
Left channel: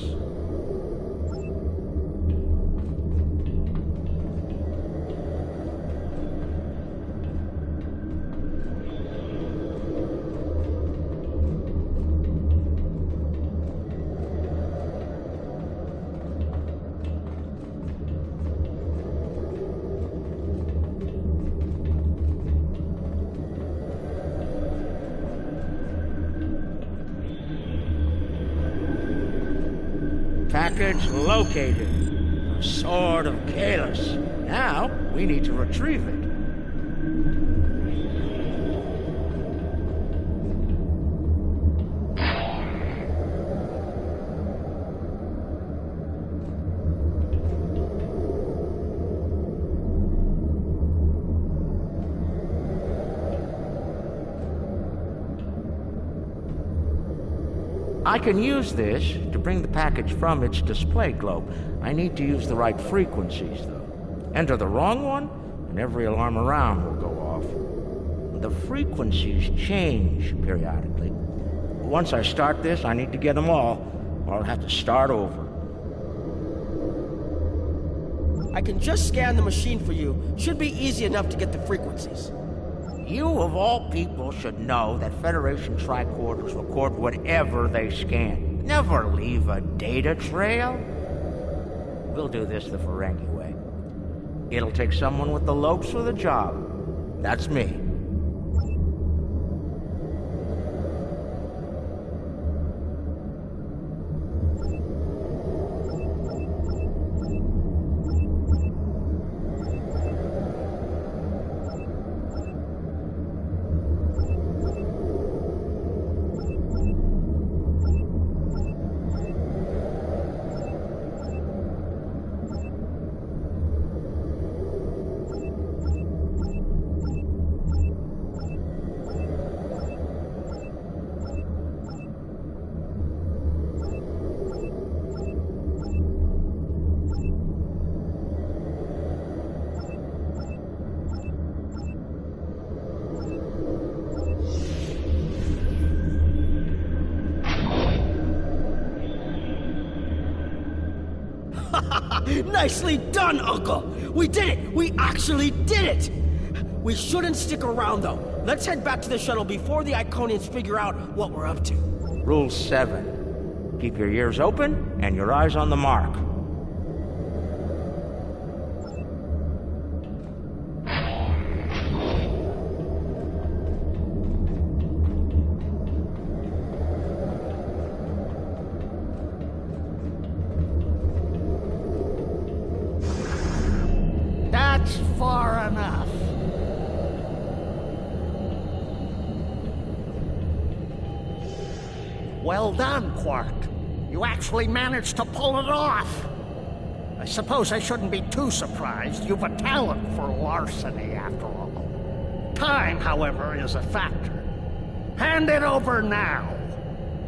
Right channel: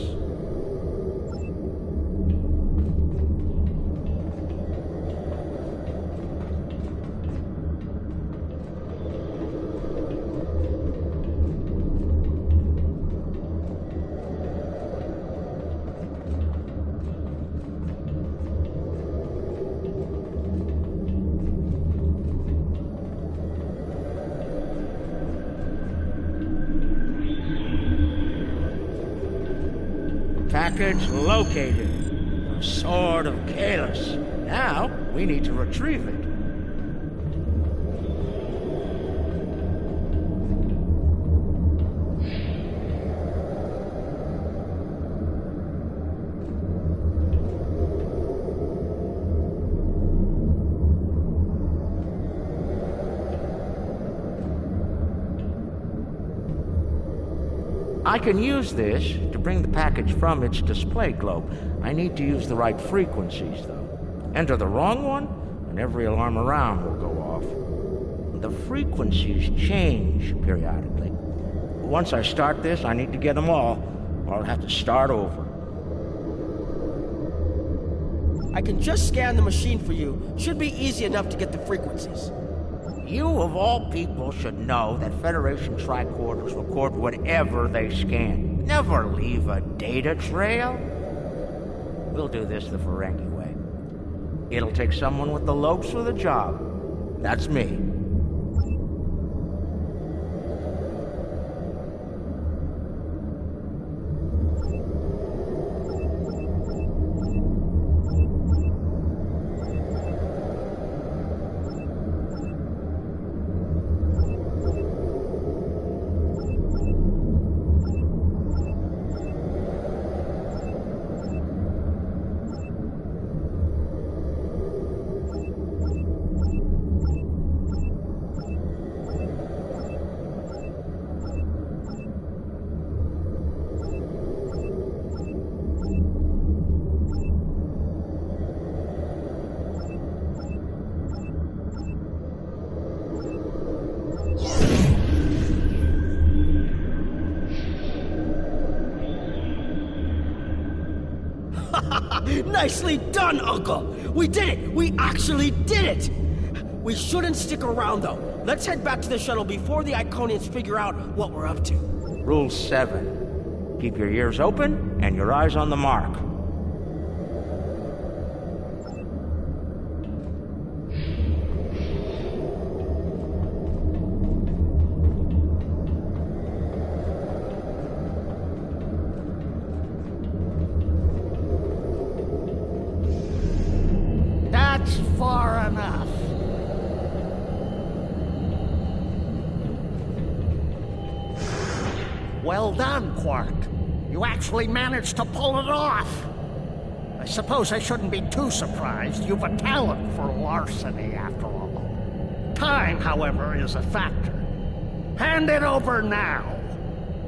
Package located. The Sword of Kahless. Now, we need to retrieve it. I can use this to bring the package from its display globe. I need to use the right frequencies, though. Enter the wrong one, and every alarm around will go off. The frequencies change periodically. Once I start this, I need to get them all, or I'll have to start over. I can just scan the machine for you. Should be easy enough to get the frequencies. You, of all people, should know that Federation tricorders record whatever they scan. Never leave a data trail. We'll do this the Ferengi way. It'll take someone with the lopes for the job. That's me. Nicely done, Uncle! We did it! We actually did it! We shouldn't stick around, though. Let's head back to the shuttle before the Iconians figure out what we're up to. Rule 7. Keep your ears open and your eyes on the mark. That's far enough. Well done, Quark. You actually managed to pull it off. I suppose I shouldn't be too surprised. You've a talent for larceny, after all. Time, however, is a factor. Hand it over now,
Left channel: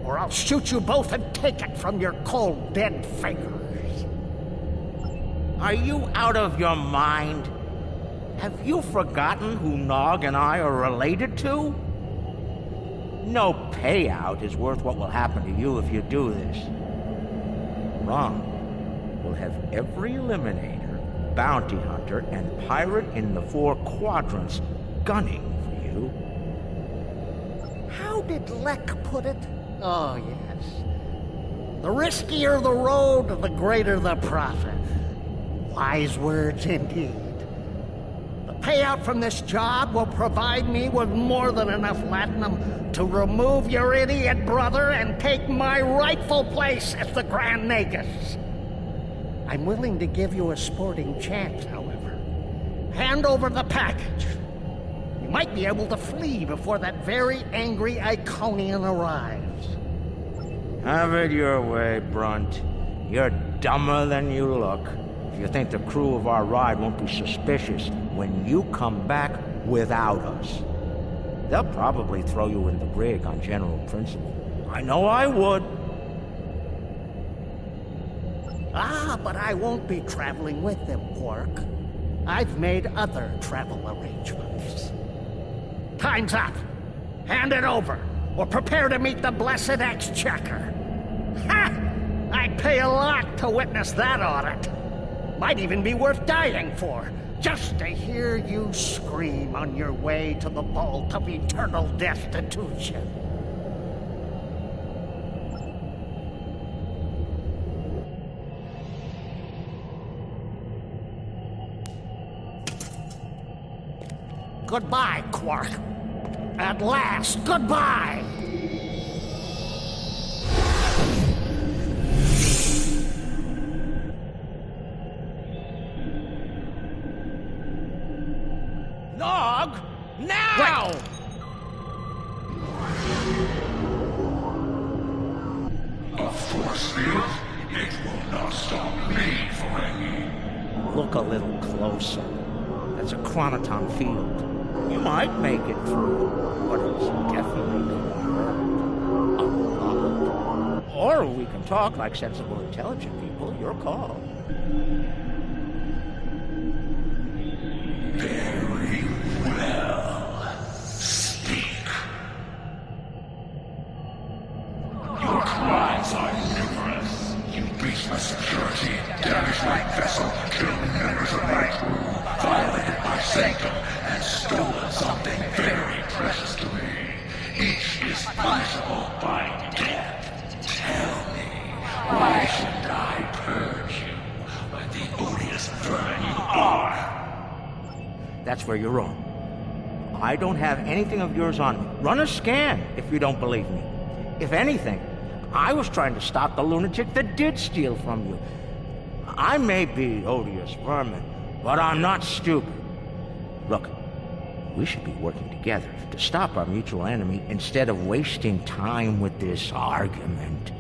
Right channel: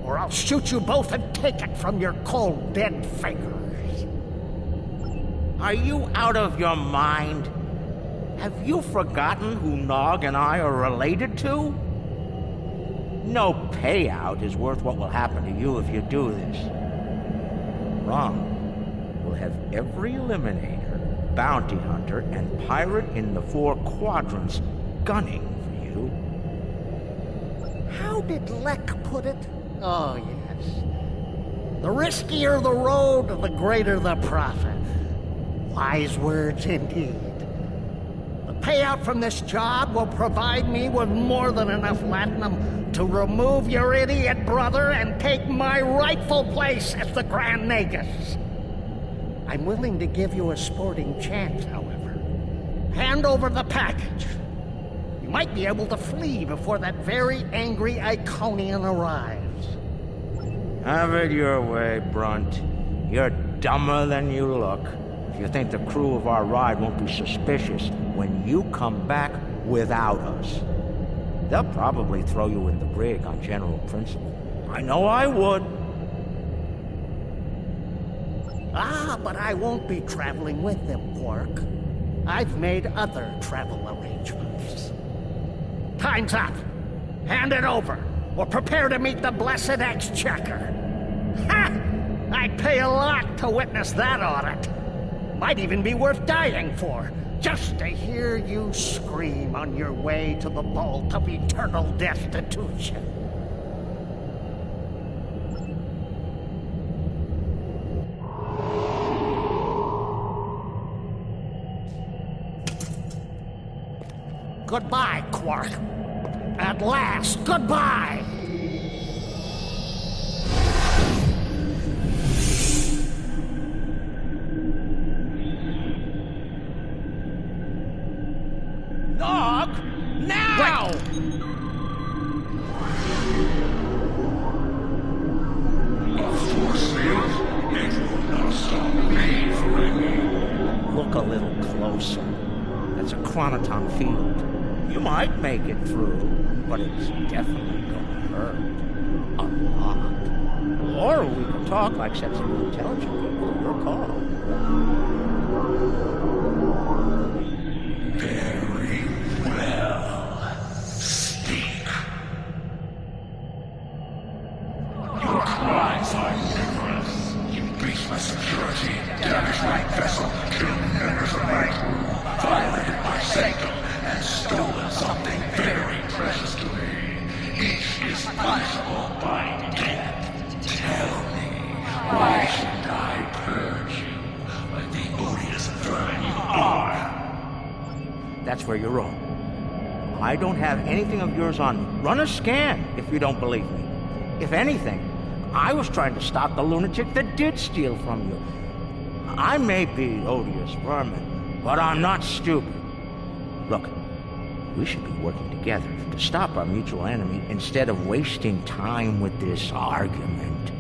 or I'll shoot you both and take it from your cold, dead fingers. Are you out of your mind? Have you forgotten who Nog and I are related to? No payout is worth what will happen to you if you do this. Wrong. We'll have every Eliminator, Bounty Hunter, and Pirate in the 4 quadrants gunning for you. How did Lek put it? Oh, yes. The riskier the road, the greater the profit. Wise words indeed. The payout from this job will provide me with more than enough latinum to remove your idiot brother and take my rightful place as the Grand Nagus. I'm willing to give you a sporting chance, however. Hand over the package. You might be able to flee before that very angry Iconian arrives. Have it your way, Brunt. You're dumber than you look. If you think the crew of our ride won't be suspicious when you come back without us. They'll probably throw you in the brig on general principle. I know I would. Ah, but I won't be traveling with them, Quark. I've made other travel arrangements. Time's up. Hand it over, or prepare to meet the blessed exchequer. Ha! I'd pay a lot to witness that audit. Might even be worth dying for, just to hear you scream on your way to the vault of eternal destitution. Goodbye, Quark. At last, goodbye! Nog! Now! A force field? It will not stop me, Ferengi. Look a little closer. That's a chronoton field. You might make it through, but it's definitely gonna hurt. A lot. Or we can talk like sensible, intelligent people. Your call. Very well. Speak. Your crimes are numerous. You breached my security, damaged my vessel, killed members of my crew, violated my sanctum, and stolen something very precious to me. Each is punishable by death. Tell me, why should I purge you like the odious vermin you are? That's where you're wrong. I don't have anything of yours on me. Run a scan if you don't believe me. If anything, I was trying to stop the lunatic that did steal from you. I may be odious vermin, but I'm not stupid. Look, we should be working together to stop our mutual enemy instead of wasting time with this argument.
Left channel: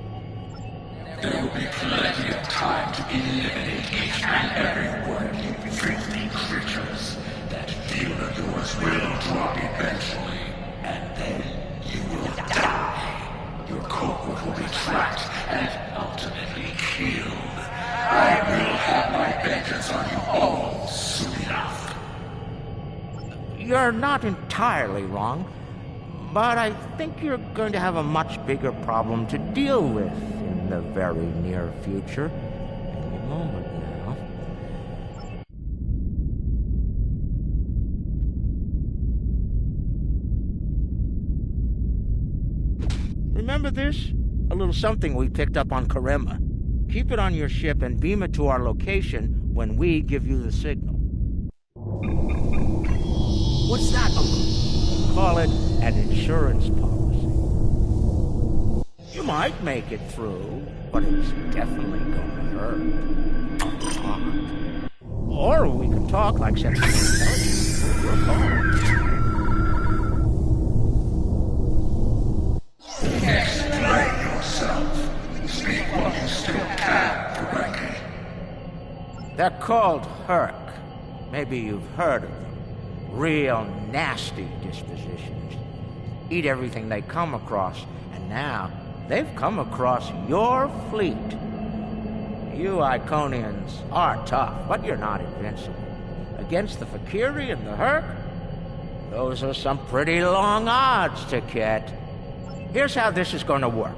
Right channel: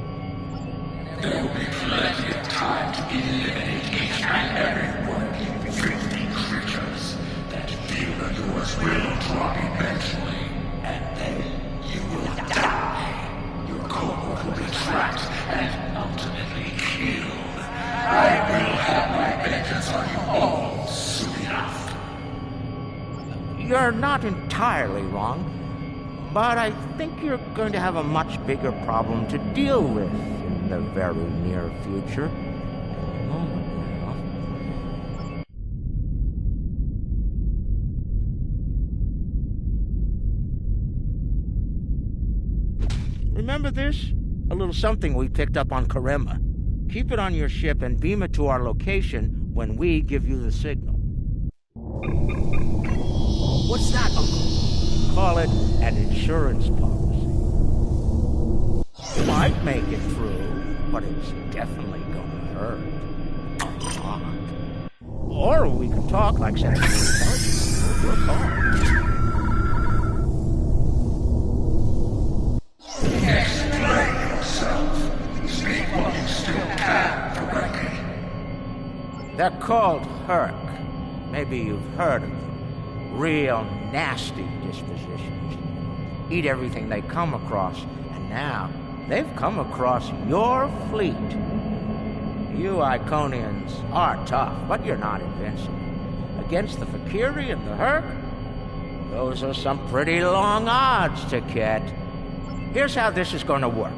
There will be plenty of time to eliminate each and every one of you filthy creatures. That field of yours will drop eventually, and then you will die. Your cohort will be tracked and ultimately killed. I will have my vengeance on you all soon enough. You're not entirely wrong, but I think you're going to have a much bigger problem to deal with in the very near future. Any moment now. Remember this? A little something we picked up on Karema. Keep it on your ship and beam it to our location when we give you the signal. What's that, Uncle? Call it an insurance policy. You might make it through, but it's definitely gonna hurt. A lot. Or we can talk like sensible intelligence. Your call. Explain yourself. Speak what you still can directly. They're called Herc. Maybe you've heard of them. Real nasty dispositions. Eat everything they come across, and now they've come across your fleet. You Iconians are tough, but you're not invincible. Against the Fakiri and the Herc, those are some pretty long odds, Ticket. Here's how this is gonna work.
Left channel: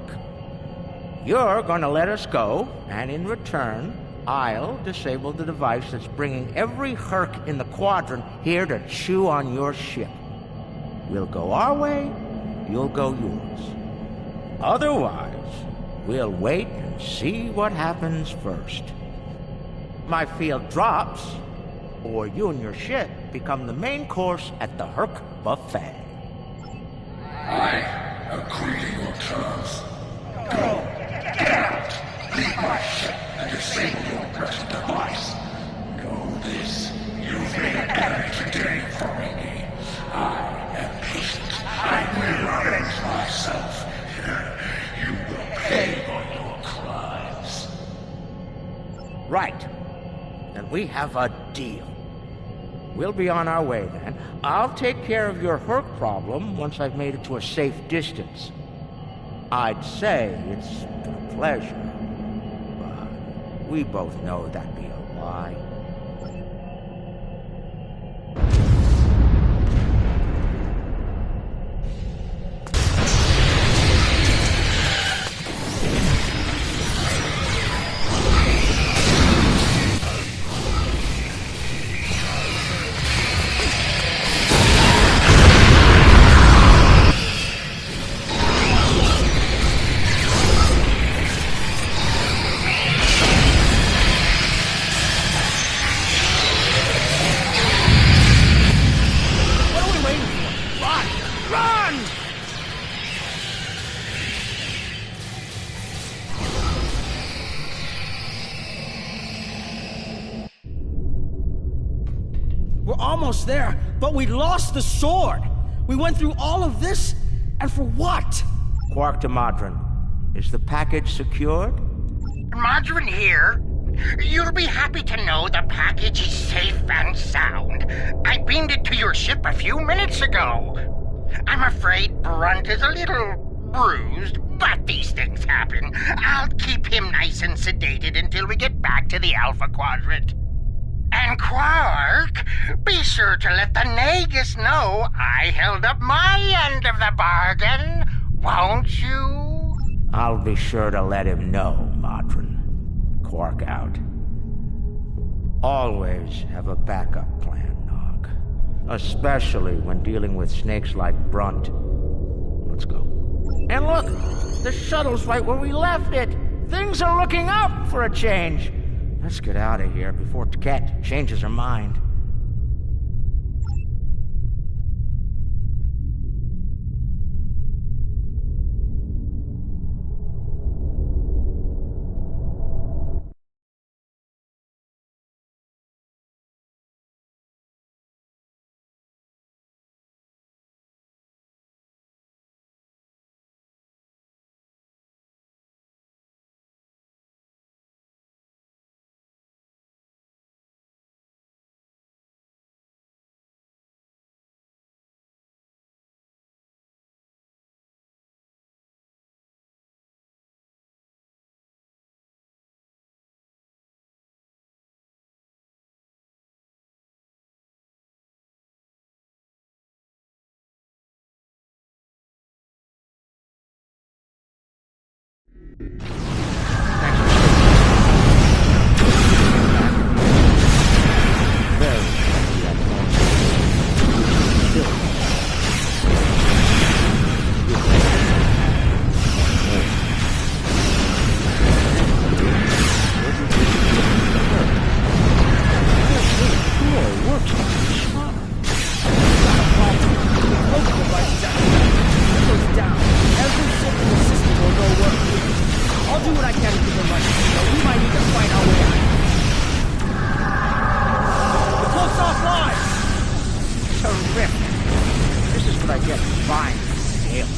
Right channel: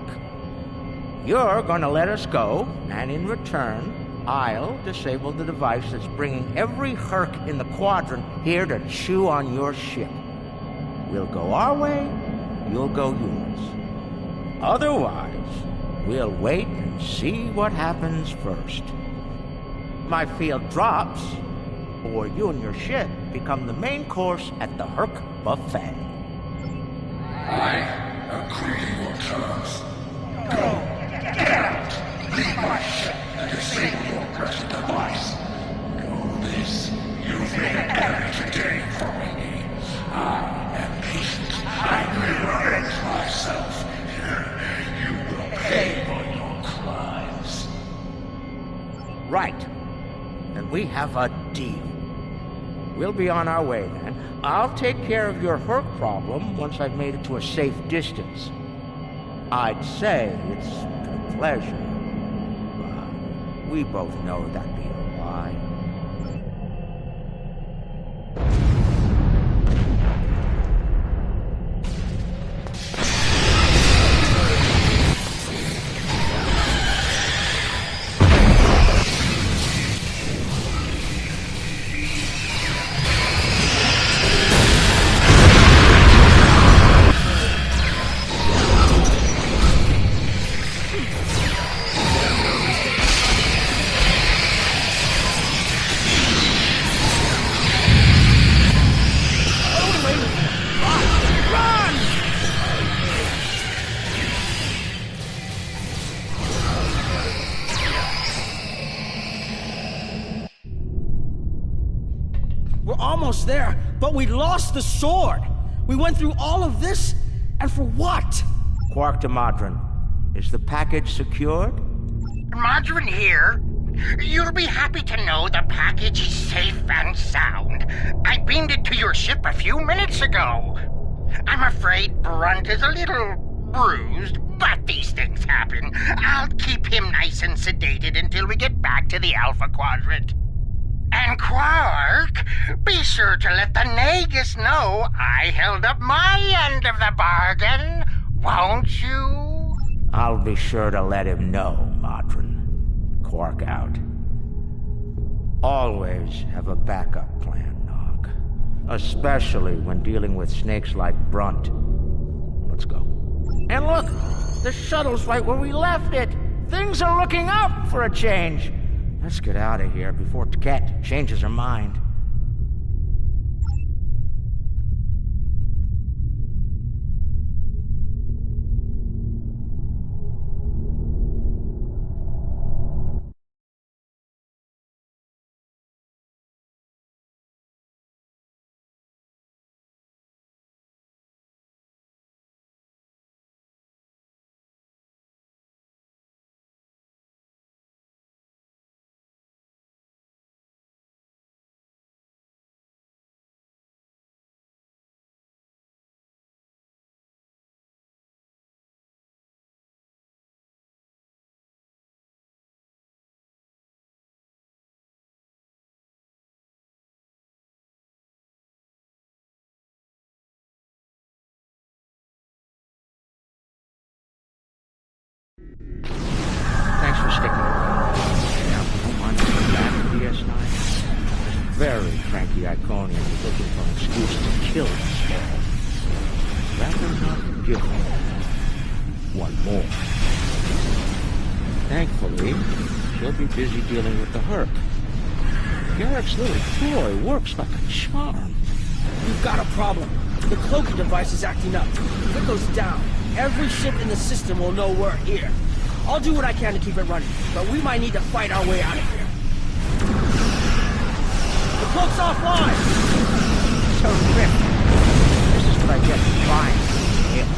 You're gonna let us go, and in return, I'll disable the device that's bringing every Herc in the quadrant here to chew on your ship. We'll go our way, you'll go yours. Otherwise, we'll wait and see what happens first. My field drops, or you and your ship become the main course at the Herc buffet. I agree to your terms. Go, get out, leave my ship, and disable your present device. Know this, you've made an enemy today for me. I am patient. I will avenge myself. You will pay for your crimes. Right. Then we have a deal. We'll be on our way then. I'll take care of your Herc problem once I've made it to a safe distance. I'd say it's been a pleasure, but we both know that'd be a lie. Almost there, but we lost the sword. We went through all of this, and for what? Quark to Modron. Is the package secured? Modron here. You'll be happy to know the package is safe and sound. I beamed it to your ship a few minutes ago. I'm afraid Brunt is a little bruised, but these things happen. I'll keep him nice and sedated until we get back to the Alpha Quadrant. And Quark, be sure to let the Nagus know I held up my end of the bargain, won't you? I'll be sure to let him know, Modron. Quark out. Always have a backup plan, Nog. Especially when dealing with snakes like Brunt. Let's go. And look! The shuttle's right where we left it! Things are looking up for a change! Let's get out of here before Cat changes her mind. Thanks for sticking with me. Now, back to the essence. Very frankly, I'd call it an excuse to kill us. Give me one more. Thankfully, we'll be busy dealing with the herd. Garrett's little ploy works like a charm. We've got a problem. The cloak device is acting up. If it goes down, every ship in the system will know we're here. I'll do what I can to keep it running, but we might need to fight our way out of here. us offline! Terrific. This is what I get for buying him.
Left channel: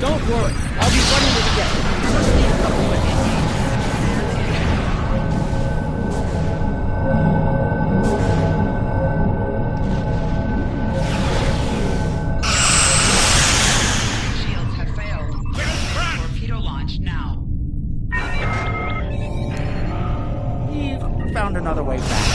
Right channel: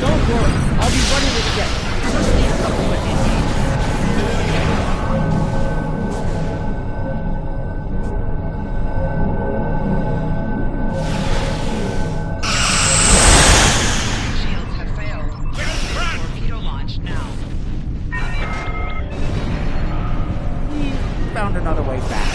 Don't worry, I'll be running it again. Just need a couple minutes. Shields have failed. Torpedo launch now. He found another way back.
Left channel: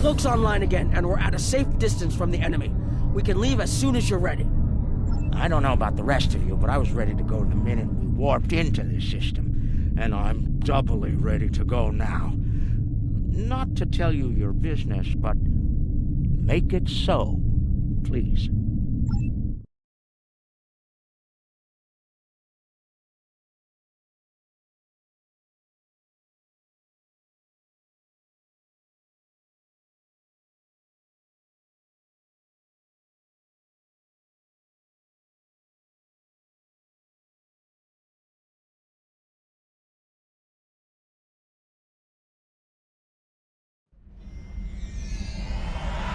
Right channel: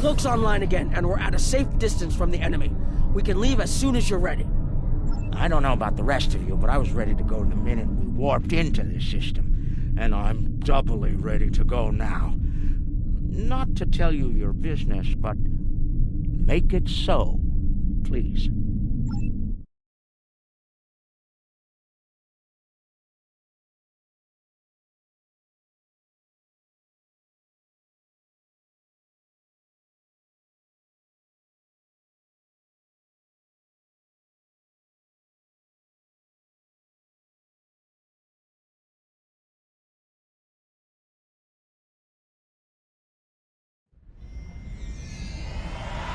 Cloak's online again, and we're at a safe distance from the enemy. We can leave as soon as you're ready. I don't know about the rest of you, but I was ready to go the minute we warped into this system. And I'm doubly ready to go now. Not to tell you your business, but make it so, please.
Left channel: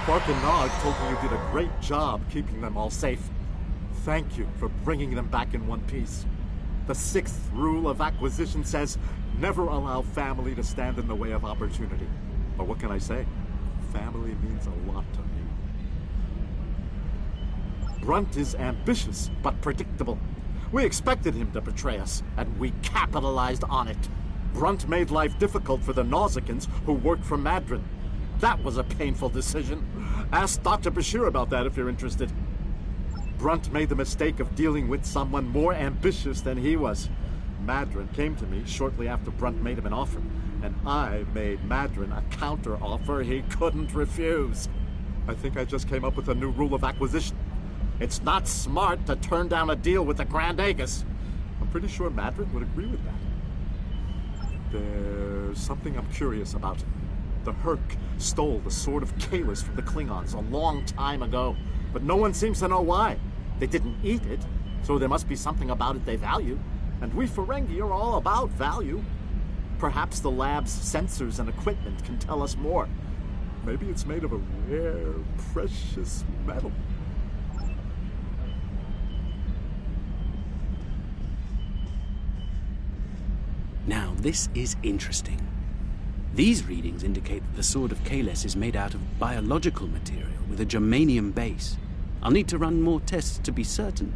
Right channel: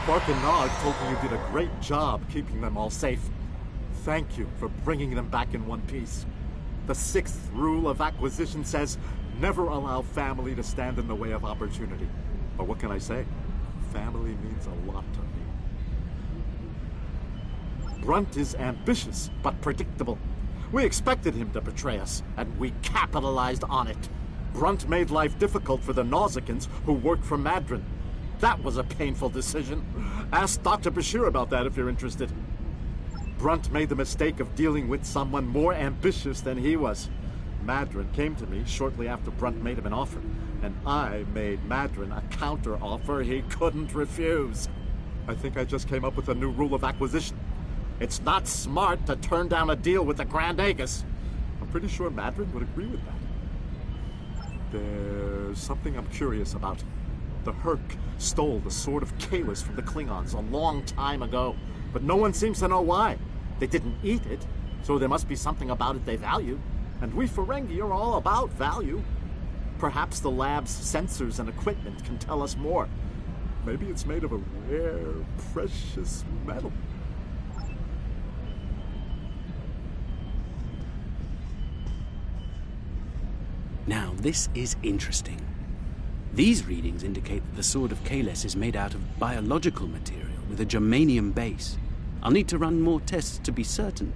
Quark and Nog told me you did a great job keeping them all safe. Thank you for bringing them back in one piece. The 6th rule of acquisition says, never allow family to stand in the way of opportunity. But what can I say? Family means a lot to me. Brunt is ambitious, but predictable. We expected him to betray us, and we capitalized on it. Brunt made life difficult for the Nausicans who worked for Madron. That was a painful decision. Ask Dr. Bashir about that if you're interested. Brunt made the mistake of dealing with someone more ambitious than he was. Madron came to me shortly after Brunt made him an offer, and I made Madron a counter-offer he couldn't refuse. I think I just came up with a new rule of acquisition. It's not smart to turn down a deal with the Grand Agus. I'm pretty sure Madron would agree with that. There's something I'm curious about. The Herc stole the Sword of Kalis from the Klingons a long time ago, but no one seems to know why. They didn't eat it, so there must be something about it they value. And we Ferengi are all about value. Perhaps the lab's sensors and equipment can tell us more. Maybe it's made of a rare, precious metal. Now, this is interesting. These readings indicate that the Sword of Kalis is made out of biological material with a germanium base. I'll need to run more tests to be certain,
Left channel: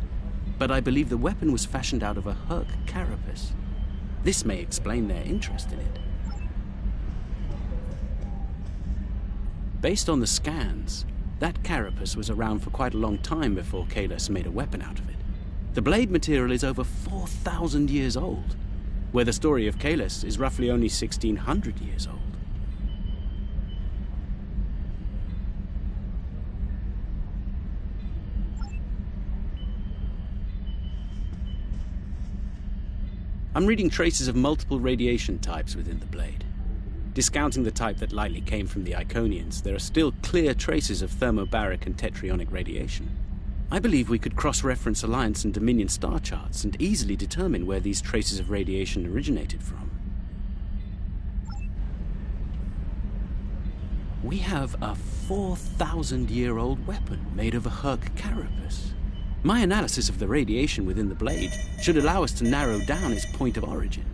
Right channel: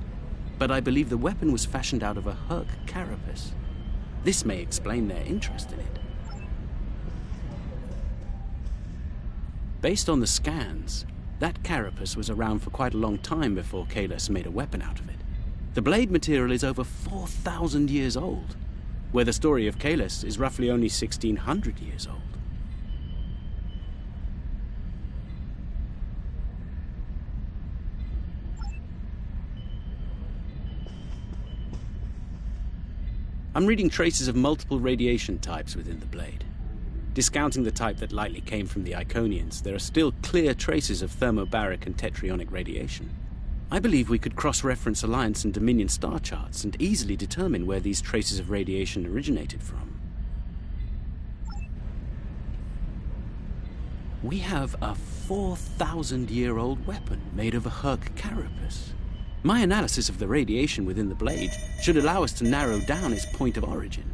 but I believe the weapon was fashioned out of a Herc carapace. This may explain their interest in it. Based on the scans, That carapace was around for quite a long time before Kalis made a weapon out of it. The blade material is over 4,000 years old, where the story of Kalis is roughly only 1,600 years old. I'm reading traces of multiple radiation types within the blade. Discounting the type that likely came from the Iconians, there are still clear traces of thermobaric and tetrionic radiation. I believe we could cross-reference Alliance and Dominion star charts and easily determine where these traces of radiation originated from. We have a 4,000-year-old weapon made of a Herc carapace. My analysis of the radiation within the blade should allow us to narrow down its point of origin.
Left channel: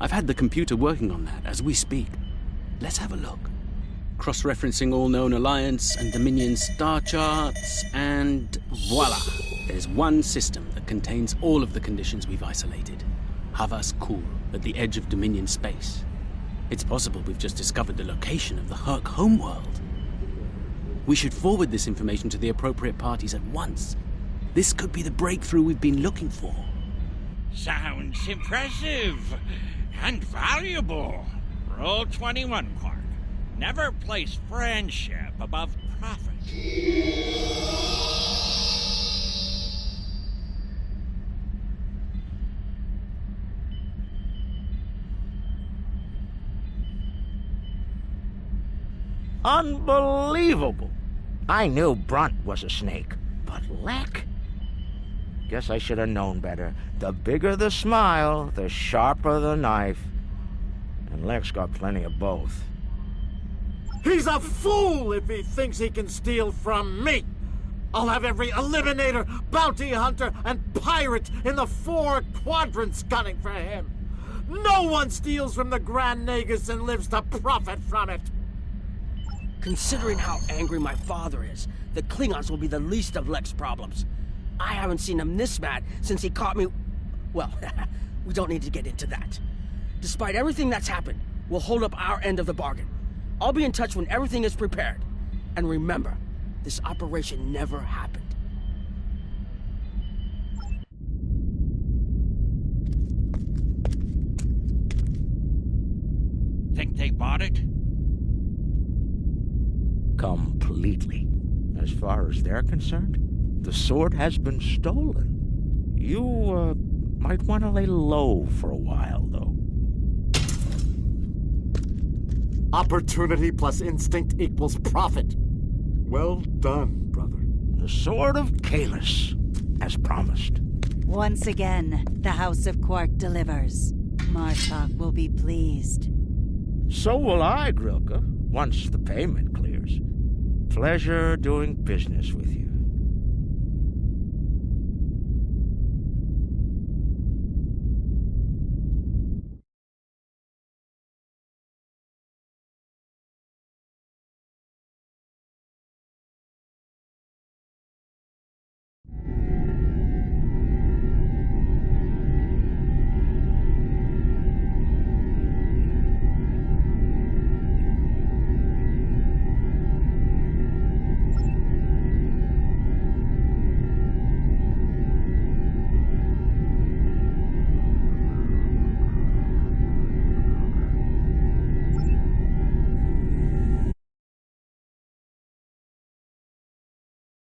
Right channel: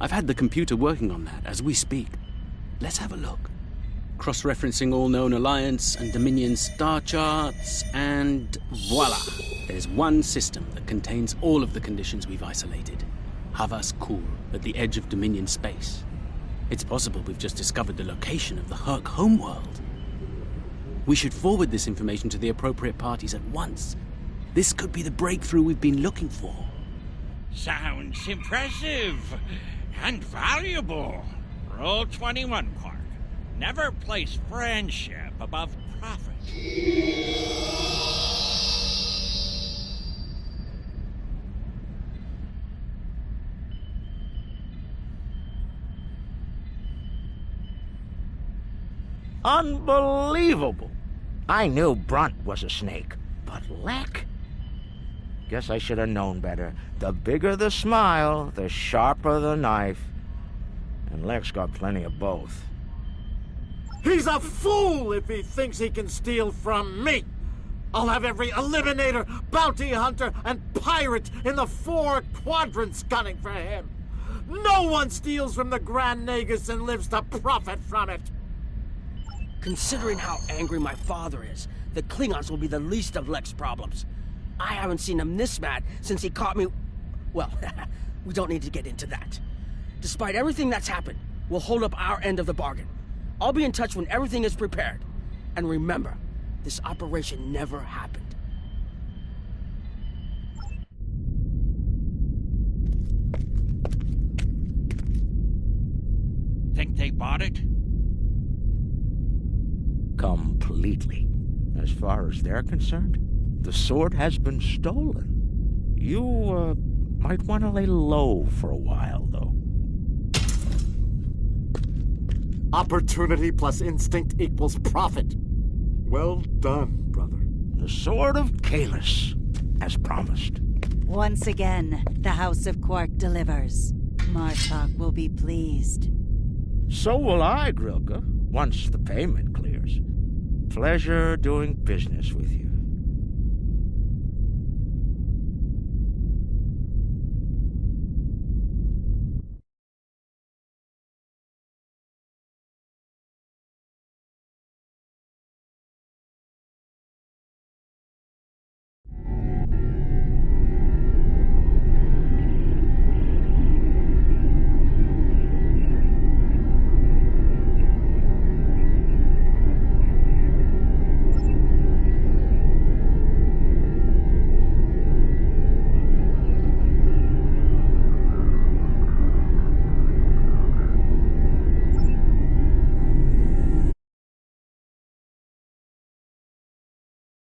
I've had the computer working on that as we speak. Let's have a look. Cross-referencing all known Alliance and Dominion star charts, and voila! There's one system that contains all of the conditions we've isolated. Havas Kul, at the edge of Dominion space. It's possible we've just discovered the location of the Herc homeworld. We should forward this information to the appropriate parties at once. This could be the breakthrough we've been looking for. Sounds impressive and valuable. Rule 21, Quark. Never place friendship above profit. Unbelievable! I knew Brunt was a snake, but Lek? Guess I should have known better. The bigger the smile, the sharper the knife. And Lek's got plenty of both. He's a fool if he thinks he can steal from me! I'll have every eliminator, bounty hunter, and pirate in the 4 quadrants gunning for him! No one steals from the Grand Nagus and lives to profit from it! Considering how angry my father is, the Klingons will be the least of Lek's problems. I haven't seen him this mad since he caught me... Well, we don't need to get into that. Despite everything that's happened, we'll hold up our end of the bargain. I'll be in touch when everything is prepared. And remember, this operation never happened. Think they bought it? Completely. As far as they're concerned, the sword has been stolen. You, might want to lay low for a while, though. Opportunity plus instinct equals profit. Well done, brother. The Sword of Kalis, as promised. Once again, the House of Quark delivers. Martok will be pleased. So will I, Grilka, once the payment clears. Pleasure doing business with you.